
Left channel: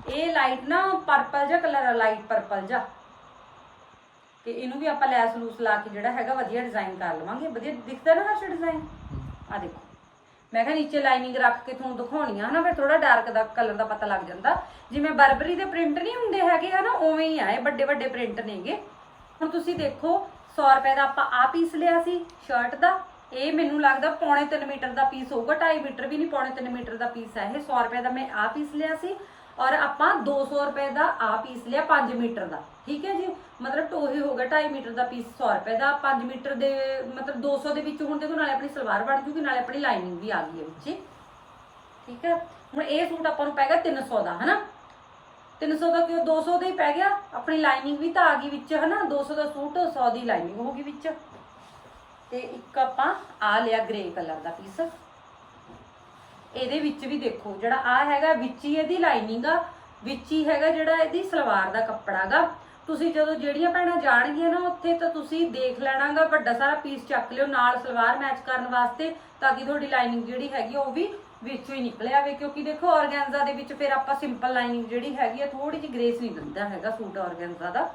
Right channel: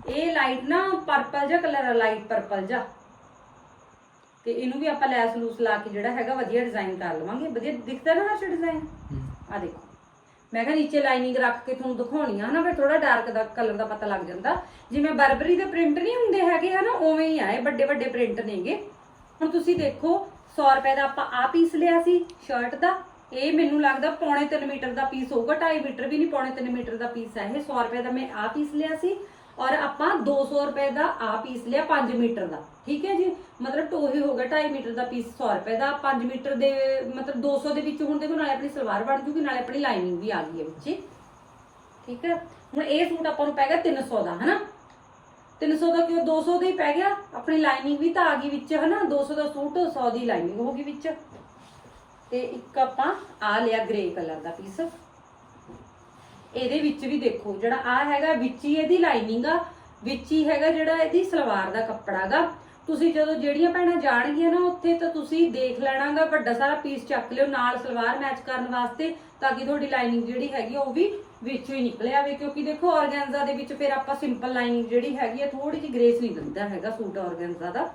ਇਹ ਲਾਈਟ ਨਾ ਪਰਪਲ ਜਿਹਾ ਕਲਰ ਆ ਲਾਈਟ ਪਰਪਲ ਜਿਹਾ। ਤੇ ਇਹਨੂੰ ਵੀ ਆਪਾਂ ਲੈਸ ਲੂਸ ਲਾ ਕੇ ਜਿਹੜਾ ਹੈਗਾ ਵਧੀਆ ਡਿਜ਼ਾਈਨ ਕਰ ਲਵਾਂਗੇ। ਵਧੀਆ ਦਿਖਦਾ ਨਾ ਹਰਸ਼ ਡਿਜ਼ਾਈਨ ਆ ਦੇਖੋ। ਮੈਂ ਕਿਹਾ ਨੀਚੇ ਲਾਈਨਿੰਗ ਰੱਖ ਕੇ ਤੁਹਾਨੂੰ ਦਿਖਾਉਣੀ ਆ ਹਨਾ ਫਿਰ ਥੋੜਾ ਡਾਰਕ ਦਾ ਕਲਰ ਦਾ ਪਤਾ ਲੱਗ ਜਾਂਦਾ। ਜਿਵੇਂ ਬਰਬਰੀ ਦੇ ਪ੍ਰਿੰਟ ਨਹੀਂ ਹੁੰਦੇ ਹੈਗੇ ਹਨਾ ਉਵੇਂ ਹੀ ਆ ਇਹ ਵੱਡੇ ਵੱਡੇ ਪ੍ਰਿੰਟ ਨੇਗੇ। ਹੁਣ ਤੁਸੀਂ ਦੇਖੋ 100 ਰੁਪਏ ਦਾ ਆਪਾਂ ਆ ਪੀਸ ਲਿਆ ਸੀ ਸ਼ਰਟ ਦਾ। ਇਹ ਮੈਨੂੰ ਲੱਗਦਾ ਪੌਣੇ 3 ਮੀਟਰ ਦਾ ਪੀਸ ਹੋਊਗਾ 2.5 ਮੀਟਰ ਵੀ ਨਹੀਂ ਪੌਣੇ 3 ਮੀਟਰ ਦਾ ਪੀਸ ਹੈ ਇਹ। 100 ਰੁਪਏ ਦਾ ਮੈਂ ਆ ਪੀਸ ਲਿਆ ਸੀ। ਔਰ ਆਪਾਂ 200 ਰੁਪਏ ਦਾ ਆ ਪੀਸ ਲਿਆ 5 ਮੀਟਰ ਦਾ, ਠੀਕ ਹੈ ਜੀ? ਮਤਲਬ ਟੋਹੀ ਹੋ ਗਿਆ 2.5 ਮੀਟਰ ਦਾ ਪੀਸ 100 ਰੁਪਏ ਦਾ 5 ਮੀਟਰ ਦੇ, ਮਤਲਬ 200 ਦੇ ਵਿੱਚ ਹੁਣ ਦੇਖੋ ਨਾਲੇ ਆਪਣੀ ਸਲਵਾਰ ਬਣ ਜੂਗੀ, ਨਾਲੇ ਆਪਣੀ ਲਾਈਨਿੰਗ ਵੀ ਆ ਗਈ ਹੈ ਵਿੱਚ। ਠੀਕ ਹੈ? ਹੁਣ ਇਹ ਸੂਟ ਆਪਾਂ ਨੂੰ ਪੈਗਾ 300 ਦਾ, ਹਨਾ? 300 ਦਾ ਕਿਉਂ 200 ਦਾ ਹੀ ਪੈ ਗਿਆ? ਆਪਣੀ ਲਾਈਨਿੰਗ ਵੀ ਤਾਂ ਆ ਗਈ ਵਿੱਚ, ਹਨਾ? 200 ਦਾ ਸੂਟ 100 ਦੀ ਲਾਈਨਿੰਗ ਹੋ ਗਈ ਵਿੱਚ। ਤੇ ਇੱਕ ਆਪਾਂ ਆ ਲਿਆ ਗ੍ਰੇ ਕਲਰ ਦਾ ਪੀਸ ਇਹਦੇ ਵਿੱਚ ਵੀ ਦੇਖੋ, ਜਿਹੜਾ ਆ ਹੈਗਾ, ਵਿੱਚ ਹੀ ਇਹਦੀ ਲਾਈਨਿੰਗ ਆ, ਵਿੱਚ ਹੀ ਹੈਗਾ ਜਿਹੜਾ ਇਹਦੀ ਸਲਵਾਰ ਦਾ ਕੱਪੜਾ ਗਾ। ਤੁਸੀਂ ਜਦੋਂ ਜਿਹੜੀਆਂ ਭੈਣਾਂ ਜਾਣਗੀਆਂ ਨਾ ਉੱਥੇ ਤਾਂ ਤੁਸੀਂ ਦੇਖ ਲੈਣਾਗਾ, ਵੱਡਾ ਸਾਰਾ ਪੀਸ ਚੱਕ ਲਿਓ ਨਾਲ ਸਲਵਾਰ ਮੈਚ ਕਰਨ ਵਾਸਤੇ, ਤਾਂ ਕਿ ਤੁਹਾਡੀ ਲਾਈਨਿੰਗ ਜਿਹੜੀ ਹੈਗੀ ਆ ਉਹ ਵੀ ਵਿੱਚੋਂ ਹੀ ਨਿਕਲ ਆਵੇ। ਕਿਉਂਕਿ ਦੇਖੋ ਆਰਗੈਂਜ਼ਾ ਦੇ ਵਿੱਚ ਫਿਰ ਆਪਾਂ ਸਿੰਪਲ ਲਾਈਨਿੰਗ ਜਿਹੜੀ ਹੈਗੀ ਆ ਥੋੜੀ ਜਿਹੀ ਗ੍ਰੇਸ ਨਹੀਂ ਦਿੰਦਾ ਹੈਗਾ ਸੂਟ ਆਰਗੈਂਜ਼ਾ ਦਾ।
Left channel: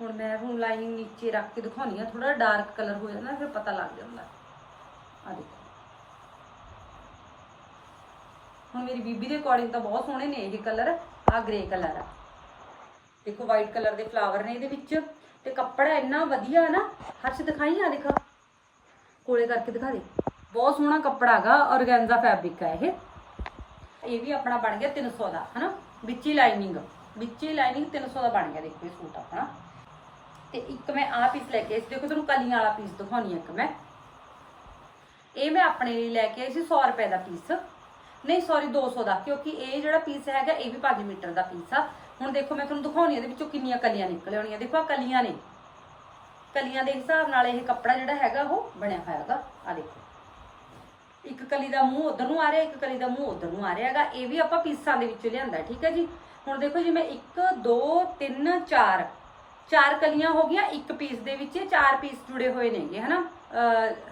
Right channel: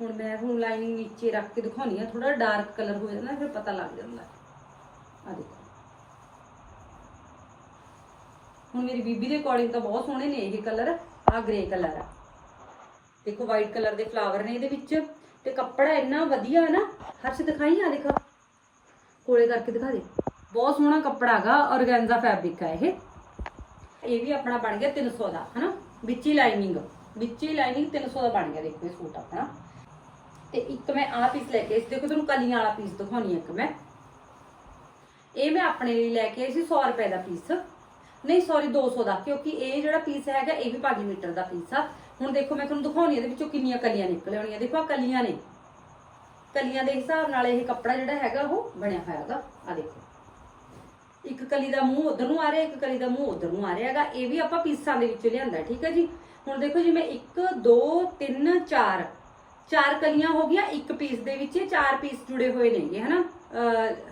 ਹੁਣ ਮੈਂ ਤੁਹਾਨੂੰ ਲਾਈਨਿੰਗ ਨੀਚੇ ਰੱਖ ਕੇ ਦਿਖਾਉਣੀ ਆ ਥੋੜਾ ਡਾਰਕ ਕਲਰ ਹੋ ਜਾਂਦਾ, ਫਿਰ ਪਤਾ ਲੱਗ ਜਾਂਦਾ। ਆ ਦੇਖੋ। ਹੁਣ ਮੇਰੀ ਬੀਬੀ ਦੇ ਅਕੋਰਡਿੰਗ ਤਾਂ ਬਹੁਤ ਸੋਹਣੇ ਨੇ ਇਹ ਕਲਰ ਆ ਗ੍ਰੇ ਕਲਰ ਆ। ਦੇਖੋ ਵਾਈਟ ਕਲਰ ਦੇ ਫਲਾਵਰ ਨੇ ਇਹਦੇ ਵਿੱਚ ਤੇ ਕੱਪੜਾ ਇੰਨਾ ਵਧੀਆ ਨਾ, ਹਰਸ਼ ਦਿਖਾਈ ਆ ਦੇਖੋ। ਕੋਲੇ ਕਰਕੇ ਦਿਖਾ ਦੇ। ਬਹੁਤ ਸੋਹਣਾ ਕੱਪੜਾ ਹੈਗਾ ਆਰਗੈਂਜ਼ਾ ਫੈਬਰਿਕ ਹੈ ਇਹ। ਇਹ ਵੀ ਆਪਣਾ ਬਣ ਗਿਆ 300 ਦਾ, ਹਨਾ? ਵਿੱਚ ਹੀ ਲਾਈਨਿੰਗ ਵਿੱਚ ਹੀ ਲਾਈਨਿੰਗ 300 ਦਾ ਬਣ ਗਿਆ ਦੇਖੋ ਇਹ ਸੂਟ ਆਪਣਾ। ਤੇ ਇੱਕ ਮੈਂ ਆਹ ਪੀਸ ਲੈ ਕੇ ਆਈ ਸੀ, ਦੇਖੋ ਤੁਹਾਨੂੰ ਕਲੀਆਂ ਵਾਲਾ ਪੀਸ ਦਿਖਾਉਣੀ ਆ ਇੱਕ ਮੈਂ। ਇਹ ਮੈਂ ਆਪਣੇ ਲਈ ਲੈ ਕੇ ਆਈ ਸੀ 100 ਰੁਪਏ ਦਾ ਪੀਸ ਨਹੀਂ ਸੌਰੀ 200 ਦਾ, ਕਿਉਂਕਿ ਇਹ ਜਿਹੜਾ ਪੀਸ ਹੈਗਾ, ਇਹ ਵੀ 5 ਮੀਟਰ ਦਾ ਪੀਸ ਆ। ਹੁਣ ਦੇਖੋ, ਮੈਂ ਤੁਹਾਨੂੰ ਦਿਖਾਉਣੀ ਇਹਦੇ ਵਿੱਚੋਂ ਕਿੰਨੀਆਂ ਕਲੀਆਂ ਨਿਕਲ ਆਉਣੀਆਂ। ਦੇਖੋ ਆ ਕਲੀਆਂ ਨੇ। ਕਲੀਆਂ ਦੇ ਹਿਸਾਬ ਨਾਲ ਇਹ ਕੱਪੜਾ ਜਿਹੜਾ ਹੈਗਾ, ਉਹ ਬਣਿਆ ਹੋਇਆ ਹੈਗਾ ਆ ਦੇਖੋ। ਇੱਕ ਕਲੀ ਦਾ ਮੂੰਹ ਉਧਰ ਨੂੰ ਆ ਰਿਹਾ, ਇੱਕ ਕਲੀ ਦਾ ਮੂੰਹ ਉਧਰ ਨੂੰ ਆ ਰਿਹਾ ਹੈਗਾ। ਇਹ ਵੀ ਆਪਾਂ ਪੀਸਾਂ ਦੇ ਵਿੱਚੋਂ ਲਿਆਂਦਾ, ਠੀਕ ਹੈ ਜੀ? ਹੁਣ ਦੇਖੋ ਜਿਵੇਂ 1 2 3 4 ਚਾਰ ਕਲੀਆਂ ਹੋ ਗਈਆਂ। ਇੱਕ ਪੀਸ ਦੇ ਵਿੱਚ ਚਾਰ ਪੀਸ ਜੁੜੇ ਹੋਏ ਨੇਗੇ, ਹਨਾ? ਅਹ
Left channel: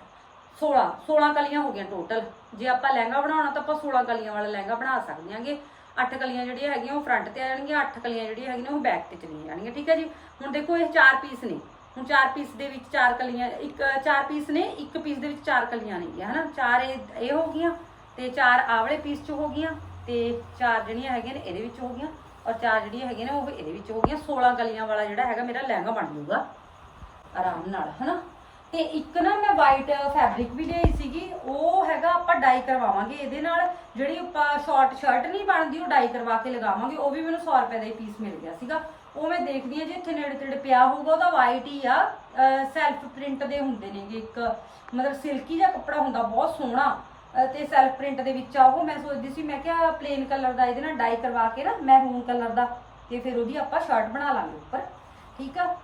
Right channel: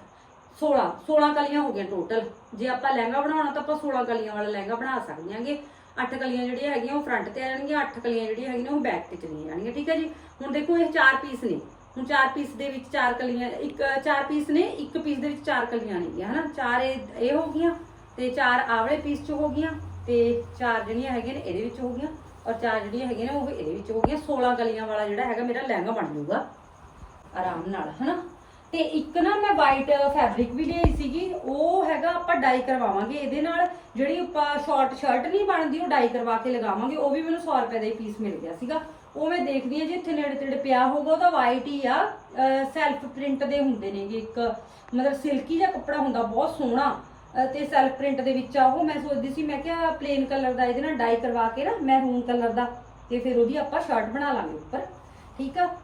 16 16 ਕਲੀਆਂ ਹੋ ਗਈਆਂ ਟੋਟਲ ਜੇ ਆਪਾਂ ਲਹਿੰਗਾ ਬਣਾਉਣਾ ਤਾਂ ਆਪਾਂ 16 ਕਲੀਆਂ ਵਾਲਾ ਲਹਿੰਗਾ ਬਣਾ ਸਕਦੇ ਹਾਂਗੇ। 8 ਕਲੀਆਂ ਜਿਹੜੀਆਂ ਹੈਗੀਆਂ, ਉਹ ਫਰੰਟ ਤੇ ਆ ਜਾਣਗੀਆਂ 8 ਕਲੀਆਂ ਜਿਹੜੀਆਂ ਹੈਗੀਆਂ, ਉਹ ਬੈਕ ਤੇ ਚਲੀਆਂ ਜਾਣਗੀਆਂ, ਠੀਕ ਹੈ ਜੀ? ਹੁਣ ਦੇਖੋ, ਇਹ ਚਾਰ ਪੀਸ ਨੇ। ਹੁਣ ਚਾਰ ਪੀਸ ਦੇ ਵਿੱਚ ਚਾਰ ਕਲੀਆਂ, ਇੱਕ, ਚਾਰ ਪੀਸ ਨੇ, ਇੱਕ ਪੀਸ ਦੇ ਵਿੱਚ ਚਾਰ ਕਲੀਆਂ ਨੇਗੀਆਂ ਹਨਾ? ਚਾਰ ਇਹ ਇਹ ਹੋ ਗਈਆਂ, ਤੇ ਚਾਰ ਆਵਲੇ ਪੀਸ ਚ ਹੋ ਗਈਆਂ, ਤੇ ਚਾਰ ਜਿਹੜੀਆਂ ਹੈਗੀਆਂ ਨੇ ਇਹਦੇ ਵਿੱਚ ਹੋ ਗਈਆਂ, ਔਰ ਚਾਰ ਜਿਹੜੀਆਂ ਹੈਗੀਆਂ ਨੇ ਉਹ ਇਹਦੇ ਵਿੱਚ ਹੋ ਗਈਆਂ। 16 ਕਲੀਆਂ ਵਾਲਾ ਜਿਹੜਾ ਹੈਗਾ, ਮੇਰਾ ਲਹਿੰਗਾ ਬਣ ਜਾਊਗਾ। ਆਰਾਮ ਨਾਲ, ਹਨਾ? ਤੇ ਇੱਕ ਨਾ ਮੈਂ ਵਾਈਟ ਫੈਬਰਿਕ ਵੀ ਲਈ ਸੀਗੀ, ਉਹ ਹੈਗਾ ਆਪਾਂ ਡਾਈ ਕਰਵਾਵਾਂਗੇ ਇਹਦੇ ਨਾਲ। ਜਿਹੜੀ ਆਪਾਂ ਸ਼ਾਰਟ ਸ਼ਰਟ ਨਹੀਂ ਬਣਦੀ, ਉਹ ਡਾਈ ਕਰਵਾ ਕੇ ਲਗਾਵਾਂਗੇ, ਉਹ ਵੀ ਮੈਨੂੰ 100 ਰੁਪਏ ਦਾ ਹੀ ਪੀਸ ਮਿਲ ਗਿਆ ਸੀਗਾ। ਉਹ ਮੈਂ ਦੇਖਦੀ ਆ ਜੇ, ਇੱਥੇ ਨੇੜੇ ਤੇੜੇ ਪਿਆ ਹੋਊਗਾ, ਉਹਦਾ ਵਾਈਟ ਹੀ ਆ। ਸੈਲਫ ਪ੍ਰਿੰਟ ਦੇ ਹੁੰਦੇ ਨੇਗੇ ਇੱਕ, ਮਤਲਬ ਸਿਲਕੀ ਜਿਹਾ ਕੱਪੜਾ ਹੁੰਦਾ, ਬਹੁਤ ਸੋਹਣਾ। ਅਹ ਤੇ ਸੈਲਫ ਪ੍ਰਿੰਟ ਦੇ ਵਿੱਚ ਆ ਉਹ, ਮੈਂ ਸੋਚਦੀ ਸੀ, ਮੈਂ ਕਿਹਾ ਪਲੇਨ ਕਲਰ ਦਾ ਇਹਦੇ ਨਾਲ ਡਾਈ ਕਰਵਾ ਕੇ ਨਾ ਮੈਰੂਨ ਕਲਰ ਦਾ, ਤੇ ਫਿਰ ਉਹਦੀ ਆਪਾਂ ਸ਼ਰਟ ਬਣਾ ਲਾਂਗੇ ਉੱਪਰ। ਠੀਕ ਆ?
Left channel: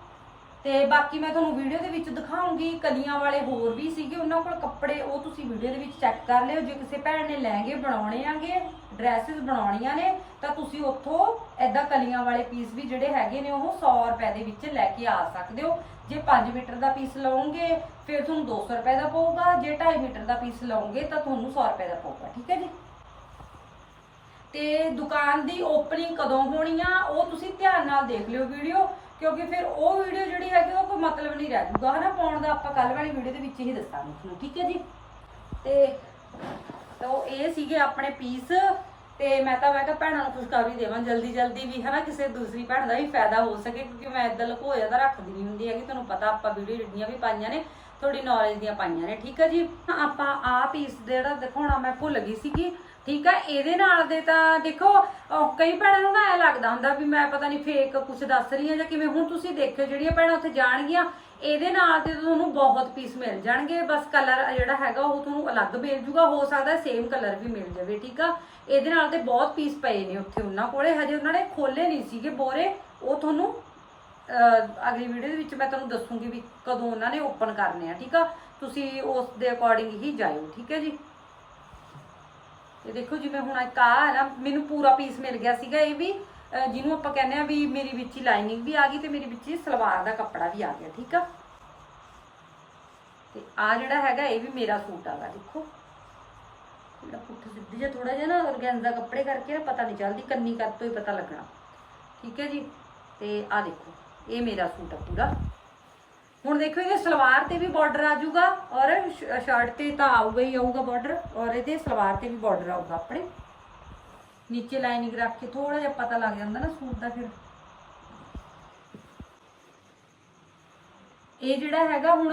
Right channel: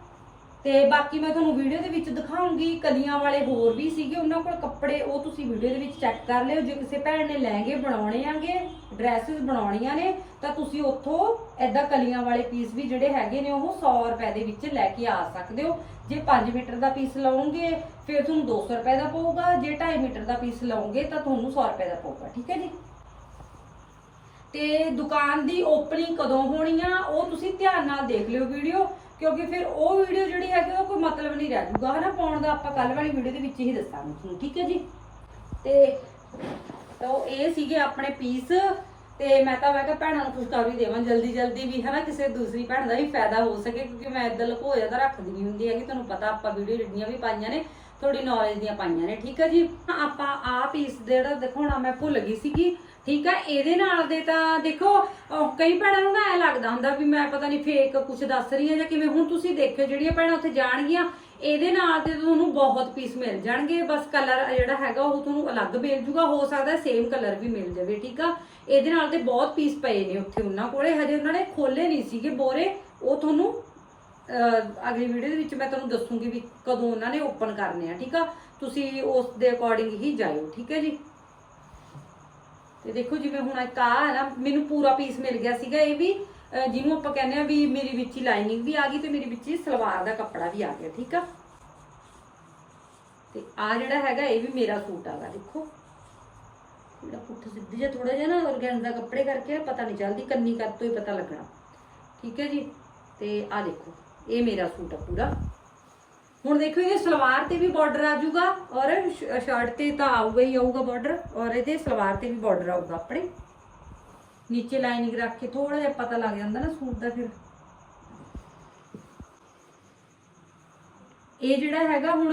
ਤੇ ਬਾਕੀ ਮੈਂ ਤੁਹਾਨੂੰ ਵੀਡੀਓ ਦੇ ਵਿੱਚ ਦਿਖਾਉਂਗੀ, ਕਲੀਆਂ ਵਾਲੇ ਹੋਰ ਵੀ ਸੀਗੇ, ਉਹਨਾਂ ਕੋਲ ਕੱਪੜੇ ਉਹ ਤੁਸੀਂ ਵੀਡੀਓ ਦੇ ਵਿੱਚ ਚੈੱਕ ਕਰ ਲਿਓ, ਜੇ ਕਿਸੇ ਭੈਣ ਨੇ ਲਹਿੰਗੇ ਬਣਾਉਣੇ ਆਂਗੇ ਡਰੈਸਸ ਬਣਾਉਣੀਆਂ ਨੇ, ਤਾਂ ਤੁਸੀਂ ਉੱਥੋਂ ਐਦਾਂ ਕਲੀਆਂ ਵਾਲੇ ਪੀਸ ਵੀ ਜਿਹੜੇ ਹੈਗੇ ਨੇ, ਉਹ 100 ਰੁਪਏ ਦੇ ਵਿੱਚ ਲੈ ਕੇ ਆ ਸਕਦੇ ਹੋ। ਜੇ 5 ਮੀਟਰ ਦਾ ਪੀਸ ਲਓਗੇ ਫਿਰ ਤੁਹਾਨੂੰ 200 ਰੁਪਏ ਦਾ ਪਊਗਾ, ਜੇ 2.5 ਮੀਟਰ ਦਾ ਪੀਸ ਲਓਗੇ ਤਾਂ ਤੁਹਾਨੂੰ 100 ਰੁਪਏ ਦਾ ਪਊਗਾ, ਠੀਕ ਹੈ ਜੀ? ਤੇ ਦੁਕਾਨ ਦੀ ਓਪਨਿੰਗ ਕਦੋਂ ਹੋਣੀ ਆ, ਉਹ ਤੁਸੀਂ ਧਿਆਨ ਨਾਲ ਦੇਖ ਲਿਓ ਵੀਡੀਓ। ਕਿਉਂਕਿ ਫਿਰ ਉਹ ਵੀਡੀਓ ਜਿਹੜੀ ਹੈਗੀ ਉਹ ਕੋਈ ਮਤਲਬ ਨਹੀਂ ਰਹਿ ਜੂਗਾ, ਹਨਾ? ਪਾਉਣ ਦਾ ਆਪਾਂ ਕੱਲ ਵਾਲੀ ਵੀਡੀਓ ਦੇ ਵਿੱਚ ਹੀ ਦੱਸਾਂਗੇ ਤੁਹਾਨੂੰ, ਠੀਕ ਹੈ ਜੀ? ਤੇ ਤਾਂ ਇਹ ਸੀਗੇ ਆਪਣੇ ਪੀਸ ਤੇ ਮੈਂ ਤਾਂ ਮੈਂ ਕਿਹਾ ਭੈਣਾਂ ਨੂੰ ਖੁਸ਼ਖਬਰੀ ਦੇਵਾਂ ਜਲਦੀ ਜਲਦੀ ਵੀ, ਹਨਾ? ਕਿਸੇ ਦੂਸਰੀ ਭੈਣ ਦਾ ਵੀ ਫਾਇਦਾ ਹੋ ਸਕੇ, ਕਿਉਂਕਿ ਮੈਂ ਇਦਾਂ ਲਕੋ ਤਾਂ ਰੱਖਦੀ ਨਹੀਂ ਹੁੰਦੀ ਹੈਗੀ, ਤੁਹਾਨੂੰ ਪਤਾ ਆਪਾਂ ਵੀਡੀਓ ਜਿੰਨੀਆਂ ਵੀ ਪਾਈਆਂ ਨੇ ਥੋੜੀ ਨੌਲੇਜ ਦੀਆਂ ਪਾਈਆਂ ਨੇ ਠੀਕ ਹੈ ਜੀ? ਹਾਂ, ਆਪਾਂ ਆ ਪੀਸ ਜਿਹੜਾ ਦਿਖਾਉਣਾ ਮੈਂ ਭੁੱਲ ਗਈ ਸੀਗੀ ਠੀਕ ਹੈ? ਇਹਦੇ ਨਾਲ ਦੇ ਤਾਂ ਦੇਖੋ ਕਈ ਭੈਣਾਂ ਨੂੰ ਨਾ ਐ ਲੱਗਦਾ ਹੁੰਦਾ ਵੀ ਮੈਂ ਪਤਾ ਨਹੀਂ ਫੇਕ ਕੁਝ ਦੱਸ ਰਹੀ ਹਾਂ ਜਾਂ ਕਿਵੇਂ ਹੁਣ ਤੁਸੀਂ ਦੇਖਿਓ ਜਿਹੜੀਆਂ ਭੈਣਾਂ ਉੱਥੇ ਜਾਣਗੀਆਂ ਇਹਦੇ ਨਾਲ ਤੇ ਤੁਹਾਨੂੰ ਬਹੁਤ ਪੀਸ ਮਿਲ ਜਾਣਗੇ। ਬਸ ਕਲਰ ਜਿਹੜਾ ਹੈਗਾ ਉਹ ਤੁਹਾਨੂੰ ਅਲੱਗ ਮਿਲ ਜੂਗਾ ਹੋ ਸਕਦਾ ਸੇਮ ਕਲਰ ਵੀ ਮਿਲ ਜਾਵੇ ਠੀਕ ਆ? ਇਹਦੇ ਨਾਲ ਤੇ ਬਹੁਤ ਪੀਸ ਪਏ ਨੇ ਉੱਥੇ ਉਹਨਾਂ ਕੋਲੇ ਹਜੇ ਉਹਨਾਂ ਨੇ ਖੋਲੇ ਨਹੀਂ ਸੀਗੇ ਬੋਰੇ ਉਹ ਤੁਹਾਨੂੰ ਅਗਲੀ ਵੀਡੀਓ ਦੇ ਵਿੱਚ ਮੈਂ ਤੁਹਾਨੂੰ ਦੱਸੂਗੀ ਵੀ ਕਦੋਂ ਉਹਨਾਂ ਨੇ ਓਪਨ ਕਰਨੇ ਆ, ਠੀਕ ਆ? ਤੁਸੀਂ ਉਸ ਦੇ ਅਕੋਰਡਿੰਗ ਹੀ ਜਾਇਓ, ਠੀਕ ਹੈ ਜੀ? ਤੇ ਦੇਖੋ ਜਿਵੇਂ ਹੁਣ ਇੱਕ ਆ ਹੈ ਨਾ, ਮੈਨੂੰ ਪੂਰਾ ਪੀਸ ਮਿਲ ਗਿਆ ਸੀਗਾ ਇਹ ਵੀ ਜਿਹਨੂੰ ਆਪਾਂ ਕਹਿੰਦੇ ਆ ਵੀ ਮੇਰੀ ਵਿੱਚ ਹੀ ਲਾਈਨਿੰਗ ਵੀ ਆ ਗਈ ਤੇ ਮੇਰੀ ਵਿੱਚ ਹੀ ਸਲਵਾਰ ਦਾ ਕੱਪੜਾ ਵੀ ਆ ਗਿਆ, ਠੀਕ ਆ? ਤੇ ਆ ਜਿਹੜਾ ਹੈਗਾ ਇਹ ਵੀ ਮੇਰਾ ਸੂਟ ਆਗਾ ਦੇਖੋ। ਜਿਹੜਾ ਪੁੱਠ ਸਿੱਧੀ ਜਿਹਾ ਥੋੜਾ ਜਿਹਾ ਨਾ ਔਰਗੈਂਜ਼ਾ ਕੱਪੜੇ ਕਰਕੇ ਨਾ ਪਤਾ ਨਹੀਂ ਚੱਲਦੀ, ਕੰਨੀ ਕਰ ਤੋਂ ਹੀ ਪਤਾ ਲੱਗਣਾ, ਠੀਕ ਹੈ ਜੀ? ਤੇ ਆ ਦੇਖੋ। ਇਹ ਮੇਰਾ ਸੂਟ ਆ ਪੂਰਾ। ਹੁਣ ਦੇਖੋ, ਇਹਦੇ ਸਲਵਾਰ ਤੇ ਵੀ ਬਾਰਡਰ ਆ ਜਾਊਗਾ ਔਰ ਸ਼ਰਟ ਤੇ ਤਾਂ ਆਊਗਾ ਹੀ ਆਊਗਾ ਬਾਰਡਰ ਔਰ ਇਹਦੇ ਸਲਵਾਰ ਤੇ ਵੀ ਬਾਰਡਰ ਆਊਗਾ ਆਪਣੇ। ਨੀਚੇ ਲਾਈਨਿੰਗ ਰੱਖ ਕੇ ਥੋੜਾ ਜਿਹਾ ਪਤਾ ਲੱਗ ਜਾਂਦਾ ਨਾ ਸੂਟ ਦਾ ਫਿਰ। ਇਹ ਜਿਹੜਾ ਹੈਗਾ ਹੁਣ